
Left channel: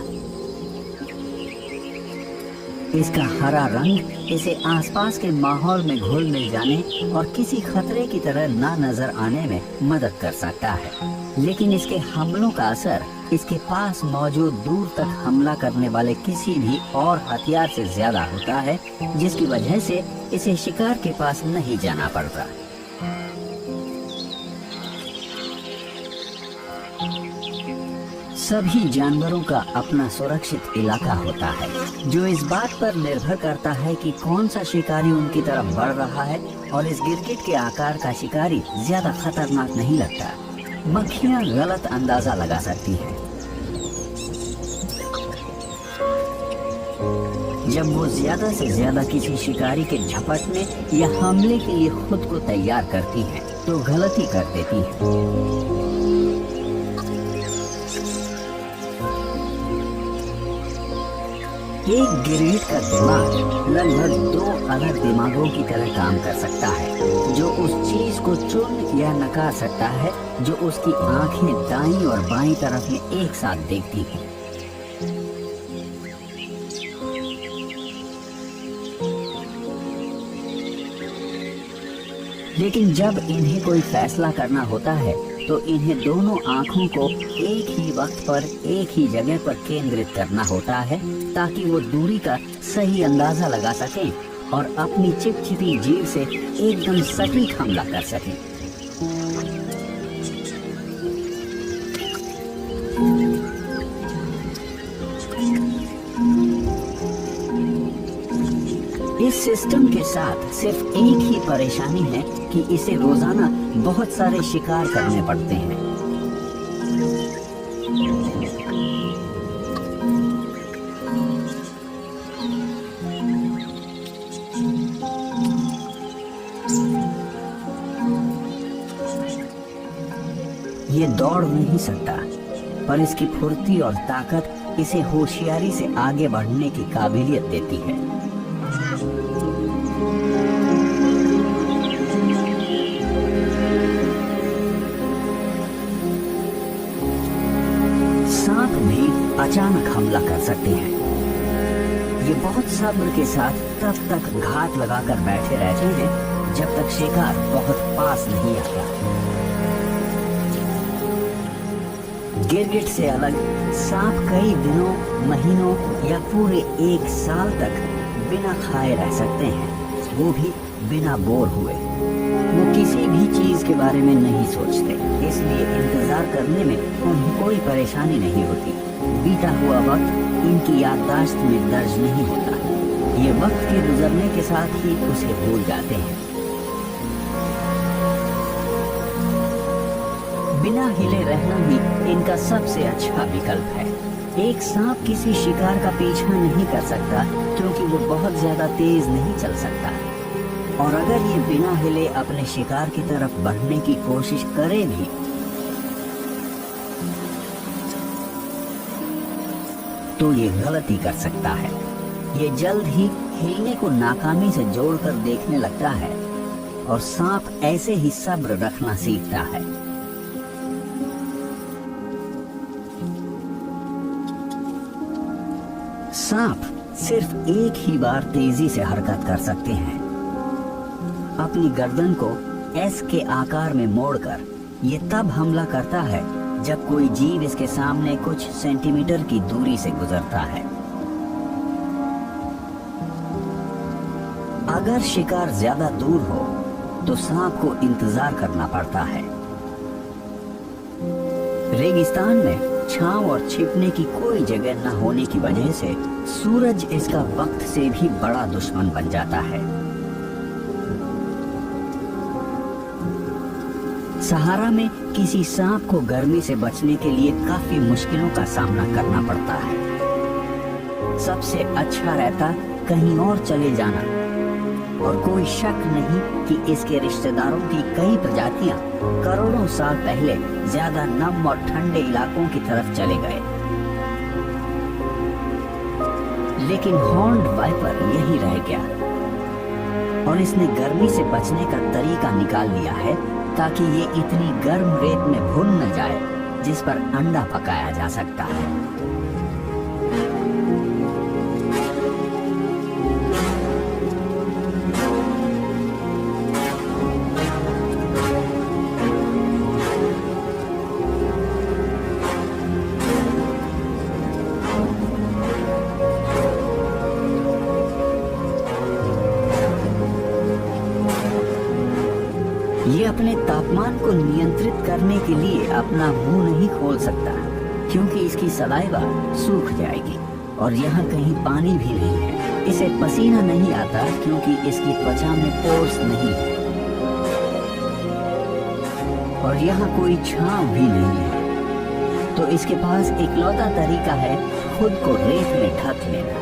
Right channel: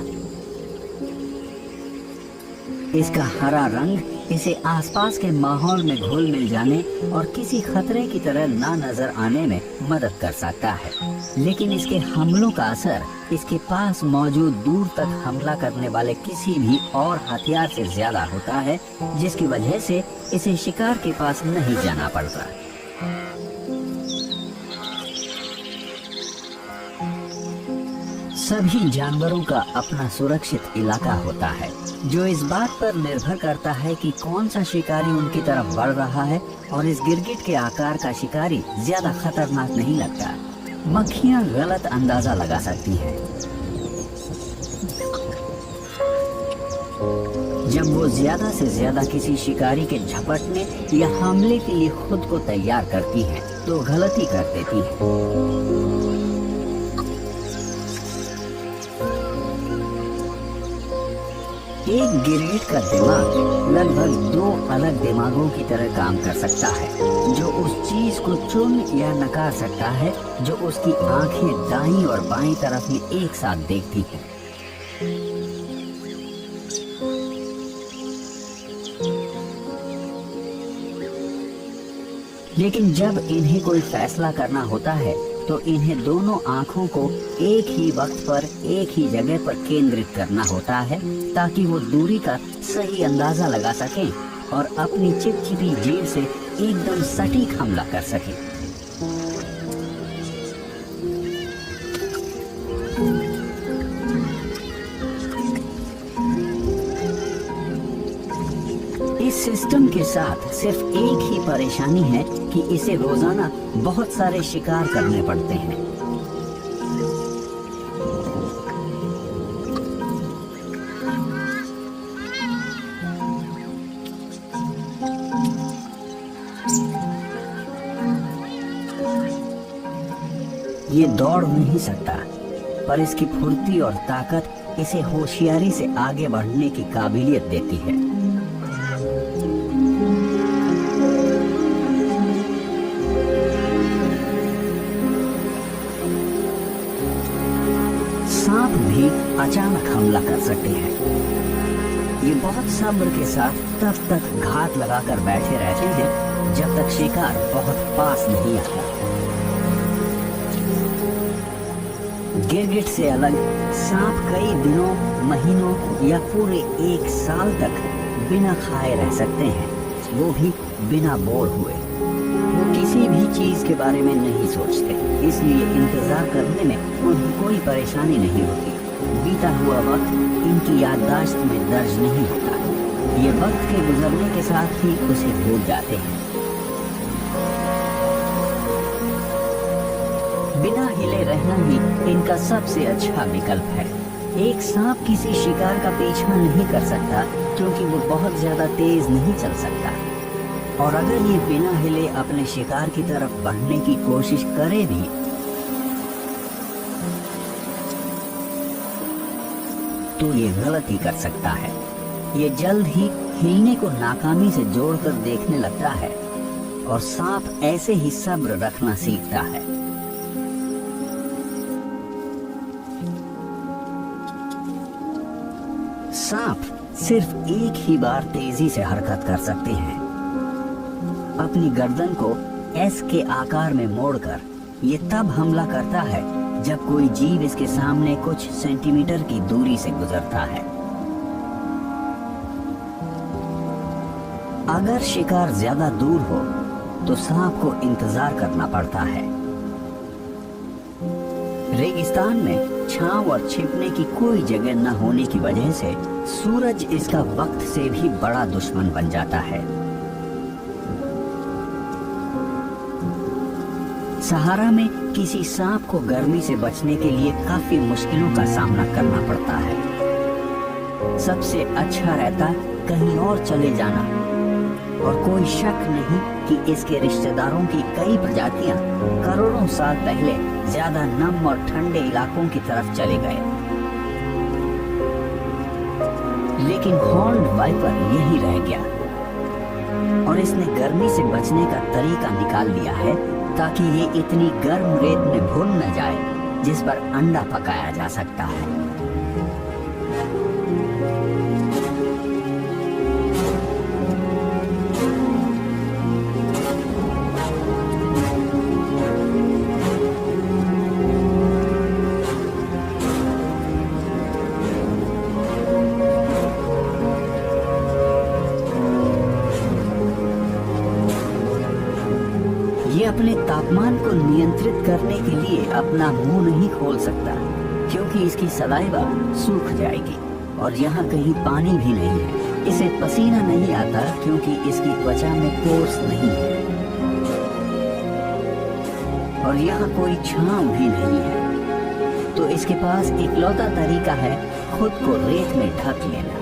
इसका हरा रंग इसे आसपास के माहौल में घुल मिल जाने और किसी खतरे की तरह ना नजर आने में मदद कर सकता है, लेकिन इसके हमलों का असर इसके पास मौजूद दूर तक हमला करने वाले किसी भी और हथियार से ज्यादा होता है, जिसकी वजह से इसे शिकार के पास नहीं जाना पड़ता। सभी जानवरों का अपना सुरक्षित इलाका होता है जो इस बात पर निर्भर करता है कि कौन सा शिकारी उनकी तरफ बढ़ रहा है, और इस गिरगिट के आकार का शिकारी ज्यादा खतरनाक नहीं लगता। मक्खियां गलत अंदाजा लगा सकती हैं। जब वो ज्यादा से ज्यादा किसी शिकारी के झपटने या हमले के लिए खुद को तैयार करती है तो गलती कर देती है। एक गिरगिट का दिमाग लगभग 2 अलग दिमागों की तरह काम कर सकता है, जो उस चीज को चुन या नकार सकता है जो उसकी आंखें दाईं और बाईं तरफ में एक साथ देखती हैं। लेकिन जब इन्हें कोई फैसला करना होता है तो इन्हें दोनों आँखों को एक ही वक्त पर एक ही जगह पर केंद्रित करना होता है ताकि वो दूरी का सही अंदाजा लगा सकें और अपनी चिपचिपी जीभ से एकदम सटीक हमला कर सके। इस सिस्टम के साथ सिर्फ एक ही परेशानी है कि इसे रोजाना बहुत सारे शिकार करने पड़ते हैं। ये दौड़ नहीं सकता, पर इसकी फुर्ती और ताकत इसे होशियारी से आगे बढ़ने की काबिलियत देती है। सांप भी अचानक हमला कर सकते हैं। ये बहुत सब्र के साथ तब तक घात लगाकर बैठे रहते हैं जब तक शिकार बहुत पास नहीं आता। गिरगिट से अलग सांप कई दिनों, महीनों या पूरे एक साल तक बिना खाए रह सकते हैं, वो भी बिना बोर हुए। वो किसी भी चीज के बारे में नहीं सोचते, इसलिए इंतजार करने में उन्हें कोई परेशानी नहीं होती। बीता हुआ वक्त इनकी याददाश्त में दर्ज नहीं होता। ये वक्त के गुजरने के साथ ही उसे भूल जाते हैं। बिना हिले रहना ही इनका सबसे अच्छा विकल्प है। एक सांप किसी शिकार का पीछा नहीं कर सकता क्योंकि वो बहुत ज्यादा तेज नहीं चल सकता, और अगर ये बिना हिले अपने शिकार की तरफ बढ़ने की कोशिश करे भी तो ये गलती कर सकता है। ये जल्द ही हिलने को नाकामी से जोड़कर देखने लगता है, और सांप ऐसे ही सब्र रखना सीखता है। सांप सिर्फ एक ही बार तेजी से हरकत कर सकते हैं। अपनी गर्दन को एस के आकार में मोड़कर ये तब हमला करता है जब कोई जीव इसके सामने कुछ सेंटीमीटर की दूरी से गुजरता है। अगर शिकार ज्यादा दूर हो तो सांप को इंतजार करना पड़ता है। रेगिस्तान में छांव और छिपने की कोई जगह न होने की वजह से सूरज इसका वक्त से भी बड़ा दुश्मन बन जाता है। सहारा में किसी सांप को गर्मी से बचने के लिए काफी मुश्किलों का सामना करना पड़ता है। सबसे अच्छा रहता कहीं और चले जाना, और कोई शक नहीं कि इसके रिश्तेदारों की कई प्रजातियां करोड़ों साल पहले ज्यादा नम और ठंडे इलाकों की तरफ चले गए। लेकिन हॉर्न्ड वाइपर यही रह गया, और इसने गर्मी से बचने का तरीका निकाल लिया है ताकि ये इतनी गर्म रेत में भून न जाए जिस पर अंडा पकाया जा सकता है। ये अपने तापमान को नियंत्रित करने के लिए अपना मुंह नहीं खोल सकता क्योंकि इसकी सलाइवा सूख जाएगी, और यहाँ कहीं पानी भी नहीं है। इसे पसीना नहीं आता क्योंकि इसकी त्वचा में पोर्स नहीं है, और यहाँ कोई छांव भी नहीं है। तो इसके पास इकलौता तरीका है खुद को रेत में ढक लेना।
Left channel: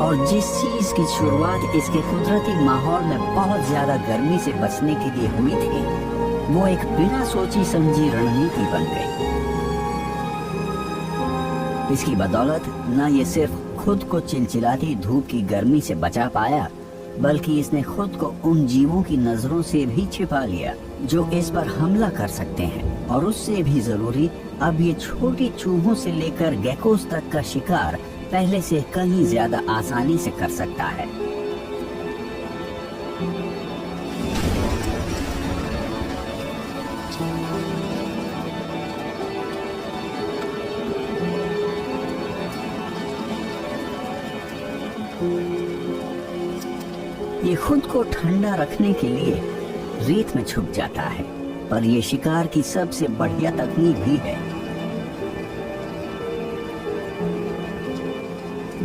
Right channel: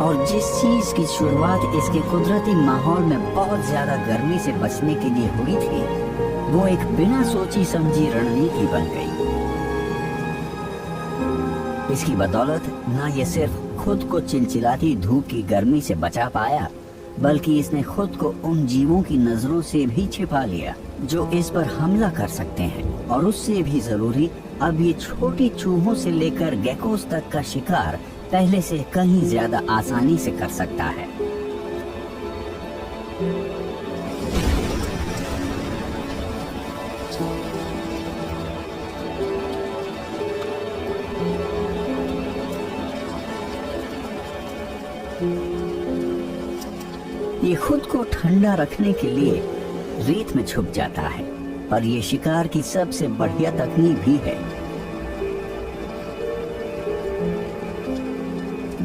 और जिस चीज की शुरुआत इसके कुदरती माहौल में बहुत ज्यादा गर्मी से बचने के लिए हुई थी, वो एक बिना सोची समझी रणनीति बन गई। इसकी बदौलत न ये सिर्फ खुद को चिलचिलाती धूप की गर्मी से बचा पाया, बल्कि इसने खुद को उन जीवों की नजरों से भी छिपा लिया जो इस पर हमला कर सकते हैं। और उससे भी जरूरी, अब ये छोटी चूहों से लेकर गेकोस तक का शिकार पहले से कहीं ज्यादा आसानी से कर सकता है। ये खुद को ठंडा रखने के लिए रेत में छुप जाता है, पर ये शिकार की सबसे बढ़िया तकनीक भी है।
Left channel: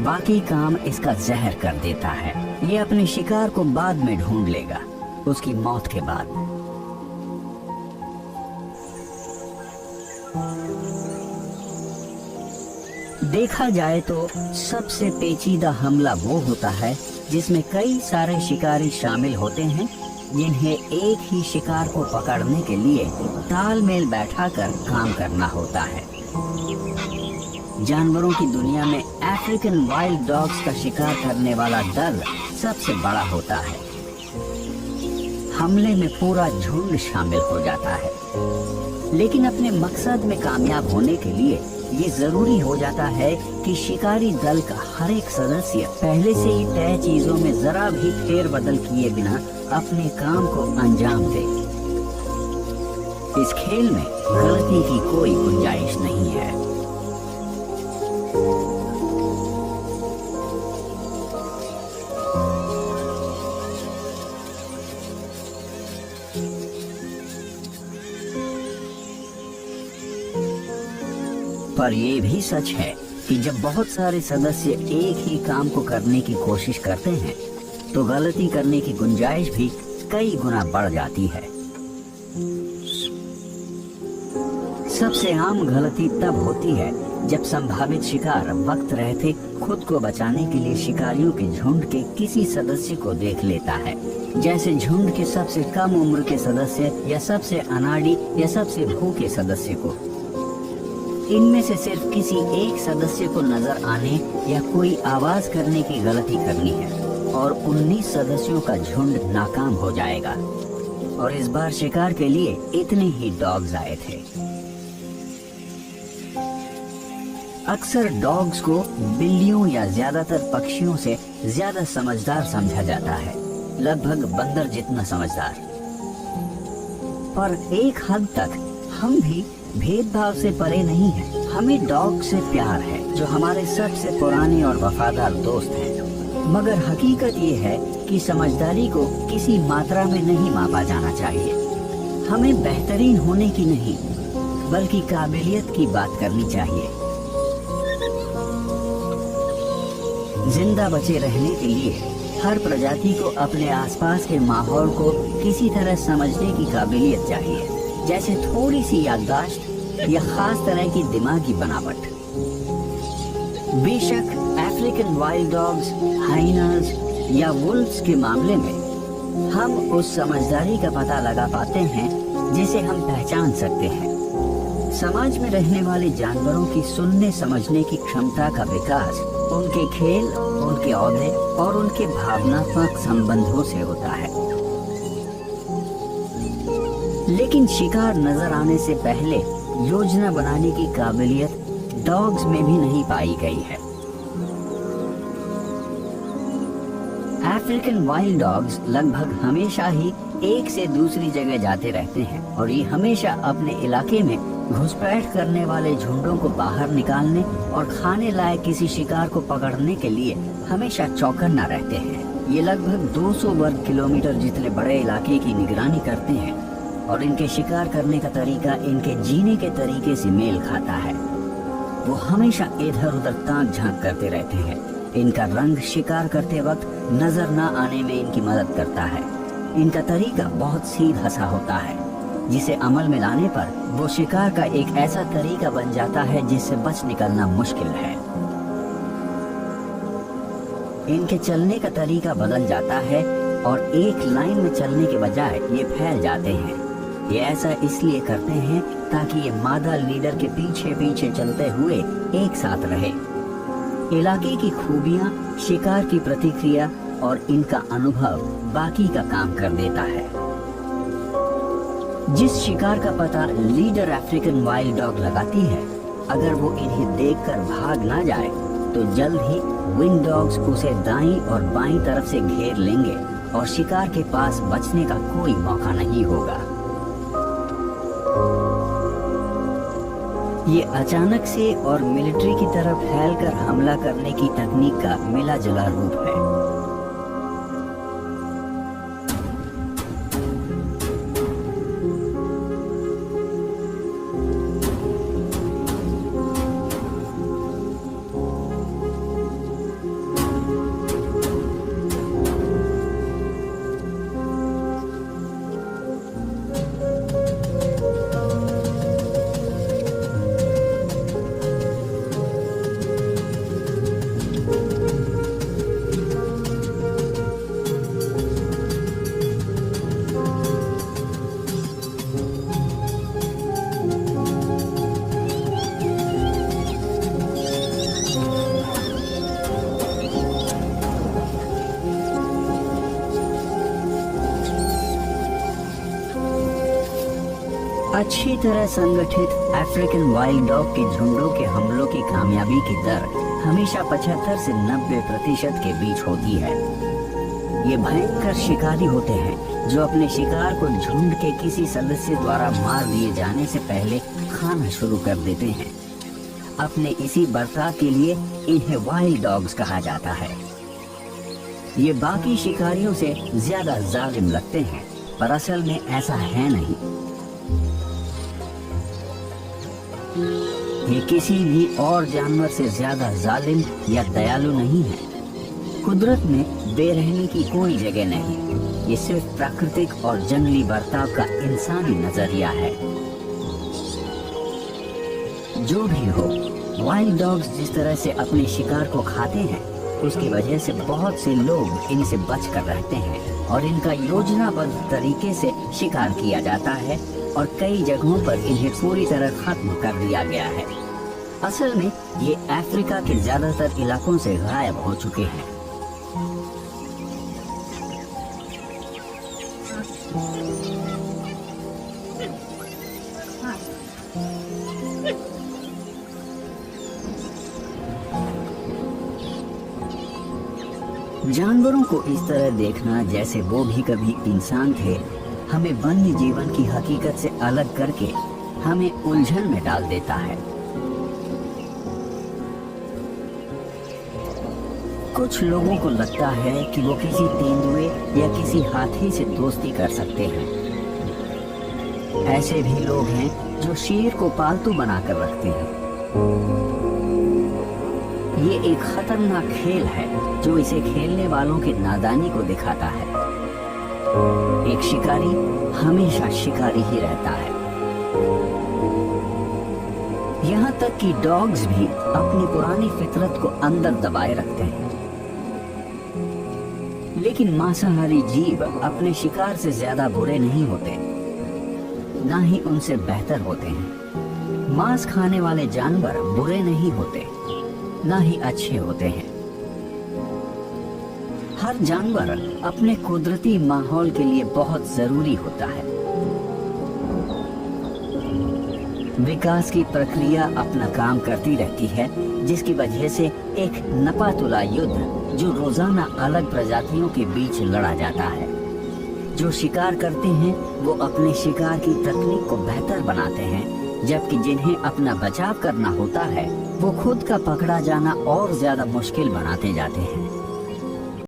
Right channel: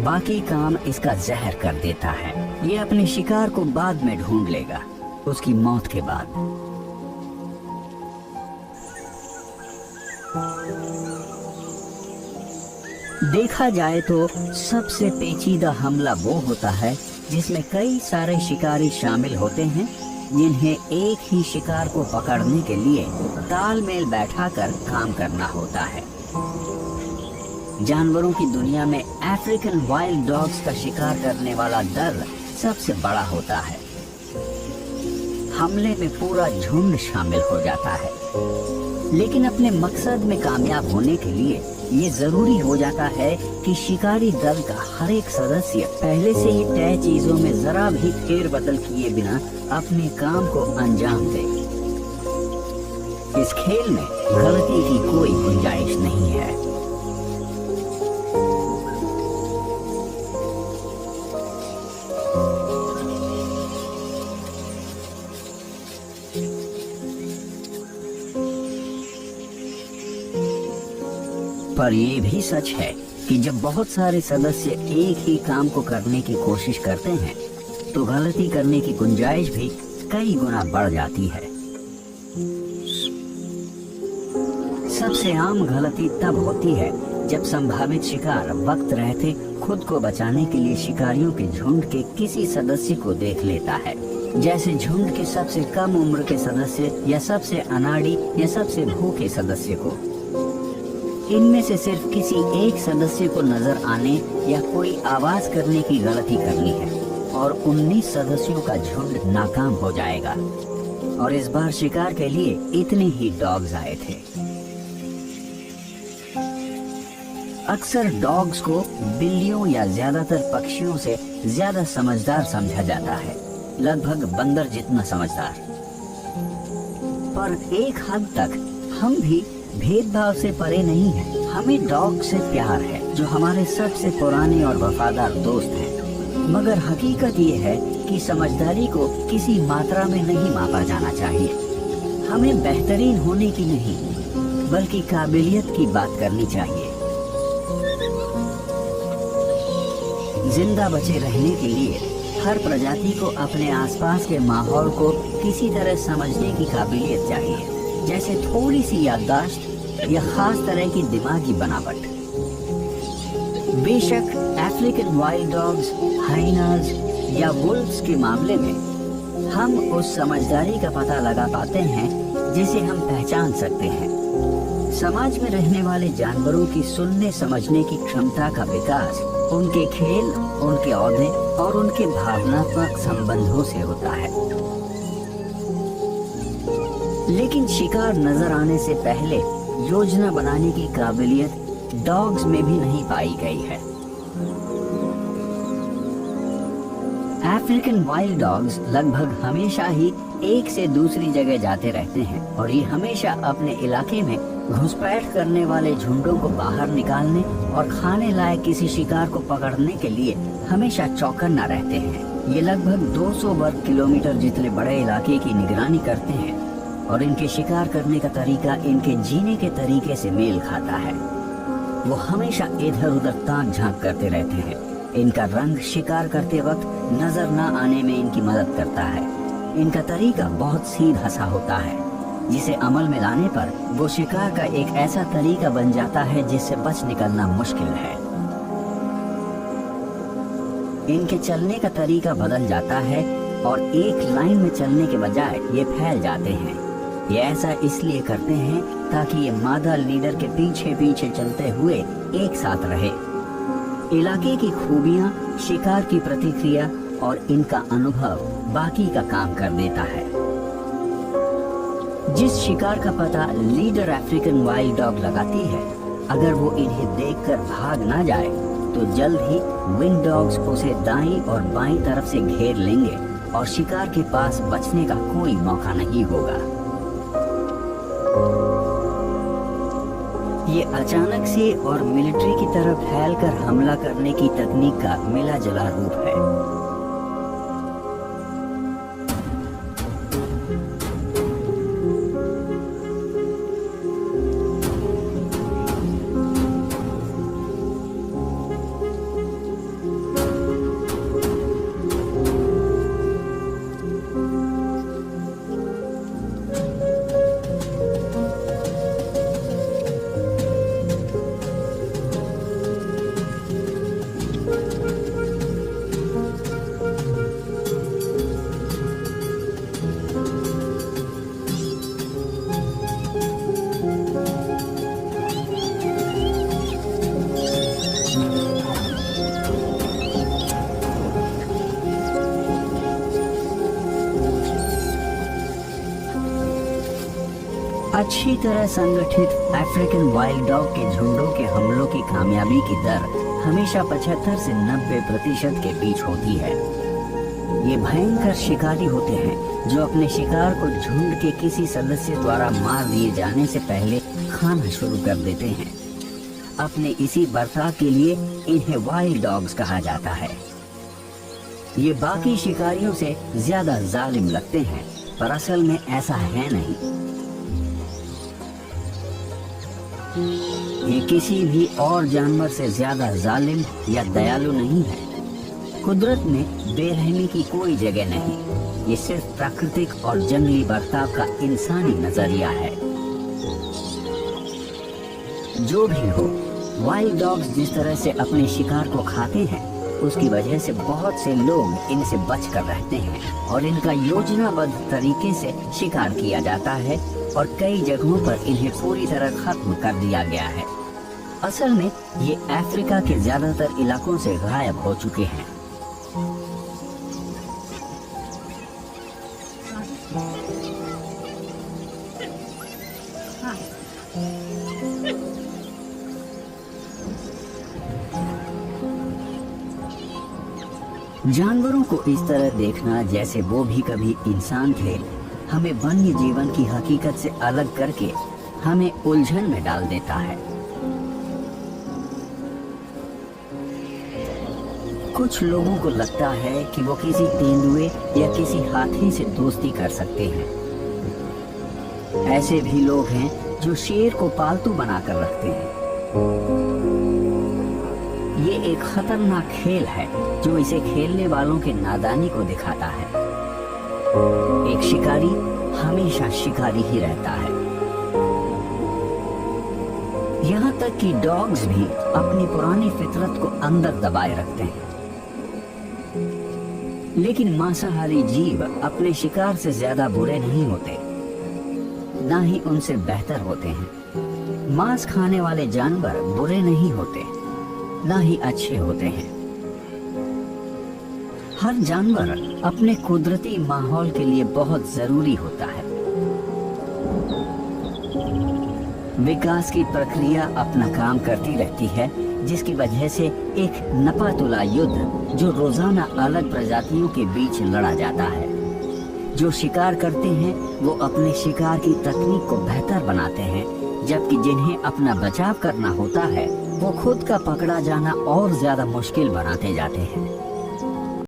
बाकी काम इसका जहर कर देता है। ये अपने शिकार को बाद में ढूंढ लेगा, उसकी मौत के बाद। देखा जाए तो सबसे पेचीदा हमला वो होता है जिसमें कई सारे शिकारी शामिल होते हैं, जिन्हें एक ही शिकार को पकड़ने के लिए तालमेल बैठाकर काम करना होता है। जानवरों की दुनिया में अफ्रीकन वाइल्ड डॉग्स का शिकार करने वाला दल सबसे बड़ा होता है। हमले में पूरा झुंड शामिल हो जाता है, लेकिन अपने मकसद में कामयाब होने के लिए ये जरूरी हो जाता है कि शिकारी दल का हर एक सदस्य पहले से ही तय चीजों में जरा भी फेरबदल किए बिना अपने काम को अंजाम दे। इस खेल में गलती की कोई गुंजाइश नहीं है। पर यह भी सच है कि जब बहुत सारे सदस्य एक ही काम को करने की कोशिश करते हैं, तो गलती करने की गुंजाइश भी कई गुना बढ़ जाती है। सबसे आम गलती तब होती है जब संभावित शिकार वक्त रहते खुद को बचाने के लिए शिकारियों के झुंड के किसी सदस्य को देख लेता है, जैसे झुंड के सबसे कम उम्र के सदस्य या सबसे अनाड़ी या सबसे भूखे सदस्य को। इनमें से सिर्फ किसी एक सदस्य को नजर आने या कोई आवाज करने की गलती करनी है और 19 सदस्यों का झुंड नाकाम हो जाएगा। और इस बार शिकार के लिए इतने ही डॉग्स आए थे। अक्सर डॉग्स को बिल्लियों या ज्यादातर पक्षियों से ज्यादा समझदार समझा जाता है, लगभग बंदर जितना समझदार। पर एक हद तक हम भी भेदभाव से परे नहीं है। हमें डॉग से प्यार है, जो हमारे सबसे पुराने और वफादार दोस्त हैं। मगर हकीकत ये है कि समझदारी को किसी मात्रा में नहीं मापा जाना चाहिए। हमें बेहतरीन होने की नहीं, बल्कि काबिलियत की बात करनी चाहिए। जिंदा बचे रहने के लिए हर प्रजाति को अपने आसपास के माहौल को किसी तरह समझने की काबिलियत चाहिए, जैसे थोड़ी सी याददाश्त या खास तरह की दिमागी बनावट। बेशक अफ्रीकन वाइल्ड डॉग्स, हाइनास या वुल्व्स के मामले में हम उस समझदारी का पता लगा पाते हैं जिसे हम पहचान सकते हैं। समाज में रहने वाले जानवरों की सुनने समझने की क्षमता का विकास उनके खेल, उनके औहदे और उनके भावनात्मक संबंधों से होता है। लेकिन शिकार नजर आने से पहले योजना बनाने की काबिलियत डॉग्स में भी नहीं पाई गई है। अफ्रीकन वाइल्ड डॉग्स लगभग हमेशा ही एक से दूसरी जगह जाते रहते हैं और ये हमेशा अपने इलाके में घुसपैठ करने वाले झुंडों को बाहर निकालने और खाने लायक किसी शिकार को पकड़ने के लिए हमेशा चौकन्ना रहते हैं। ये लगभग 200 वर्ग किलोमीटर जितने बड़े इलाके की निगरानी करते हैं और इनके शिकार करने का तरीका इनके जीने के तरीके से मेल खाता है। वो हमेशा इधर उधर ताक झांक करते रहते हैं। इनका रंग शिकार करते वक्त नजर न आने में इनकी मदद करता है। इनका तरीका बहुत सीधा सा होता है, जिसे अमल में लाने पर वो शिकार का एक ऐसा तरीका बन जाता है जिससे बच निकलना मुश्किल है। इनके चलने का तरीका बदल जाता है और एक लाइन में चलने के बजाय ये फैल जाते हैं। ये ऐसा इसलिए करते हैं ताकि ये मादा लीडर के पीछे पीछे चलते हुए एक साथ रहे। इलाके की खूबियां, शिकार की प्रतिक्रिया और इनका अनुभव बाकी का काम कर देता है। जिस शिकार का पता लीडर अफ्रीकन वाइल्ड डॉग लगाती है, अगर वो इन्हें देखकर भाग ना जाए तो जल्द ही विंड डॉग्स उसे दाईं और बाईं तरफ से घेर लेंगे और शिकार के पास बचने का कोई मौका नहीं होगा। ये अचानक से और मिलिट्री की तरफ फैलकर हमला करने की तकनीक का मिला जुला रूप है। अच्छी तरह संगठित अफ्रीकन वाइल्ड डॉग के झुंडों के हमलों की कामयाबी की दर हमेशा 75 से 90% के बीच होती है। ये भयंकर शिकारी होते हैं जो अपने शिकार को झुंड के किसी सदस्य द्वारा मार दिए जाने से पहले खाना शुरू कर देते हैं। अपने इसी बर्ताव के लिए इन्हें वाइल्ड डॉग्स कहा जाता है। ये बाकी शिकारियों से ज्यादा जालिम लगते हैं, पर असल में ऐसा है नहीं। ये किसी भी और जानवर से ज्यादा जालिम या दयालु नहीं है। कुदरत में बेरहमी की कोई जगह नहीं। ये सिर्फ प्राकृतिक और जंगली बर्ताव का इंसानी नजरिया है। जो भी हो, वाइल्ड डॉग्स जिस तरह से अपने शिकार को खाते हैं, उसकी वजह से बहुत से लोग इनसे बचकर रहते हैं और इनका योजनाबद्ध तरीके से शिकार किया जाता है और कई जगहों पर इन्हें पूरी तरह खत्म कर दिया गया है। असल में ये अफ्रीका के ज्यादातर इलाकों से गायब हो चुके हैं। जानवरों को इस तरह देखना जैसे वो भी कभी इंसान थे, हमें वन्य जीवन की हकीकत से अलग करके हमें उलझन में डाल देता है। कुछ लोगों को लगता है कि वो किसी तेंदुए या किसी हाथी से दोस्ती कर सकते हैं। ऐसे भी लोग हैं जो शेर को पालतू बनाकर रखते हैं। ये एक खतरनाक खेल है जो इसे खेलने वालों के नादानी को दिखाता है। एक शिकारी हमेशा शिकारी ही रहता है। यहाँ तक कि डॉग्स भी अपनी पुरानी फितरत को अंदर दबाए रखते हैं। लेकिन मांसाहारी जीव अपने शिकार से ज्यादा बुरे नहीं होते, ना ही उनसे बेहतर होते हैं। मांस खाने वाले जानवर बुरे नहीं होते, ना ही अच्छे होते हैं। हर जानवर अपने कुदरती माहौल के लिए बहुत जरूरी होता है। विकास की प्रक्रिया अपना काम करती रहती है, जिसकी वजह से एक नपातुला युद्ध जो रोजाना अलग प्रजातियों के बीच लड़ा जाता है। जो शिकार करते हैं वो अपने शिकार की तकनीक को बेहतर बनाते हैं, जबकि जिन्हें अपना बचाव करना होता है वो खुद का पकड़ा जाना और ज्यादा मुश्किल बनाते जाते हैं।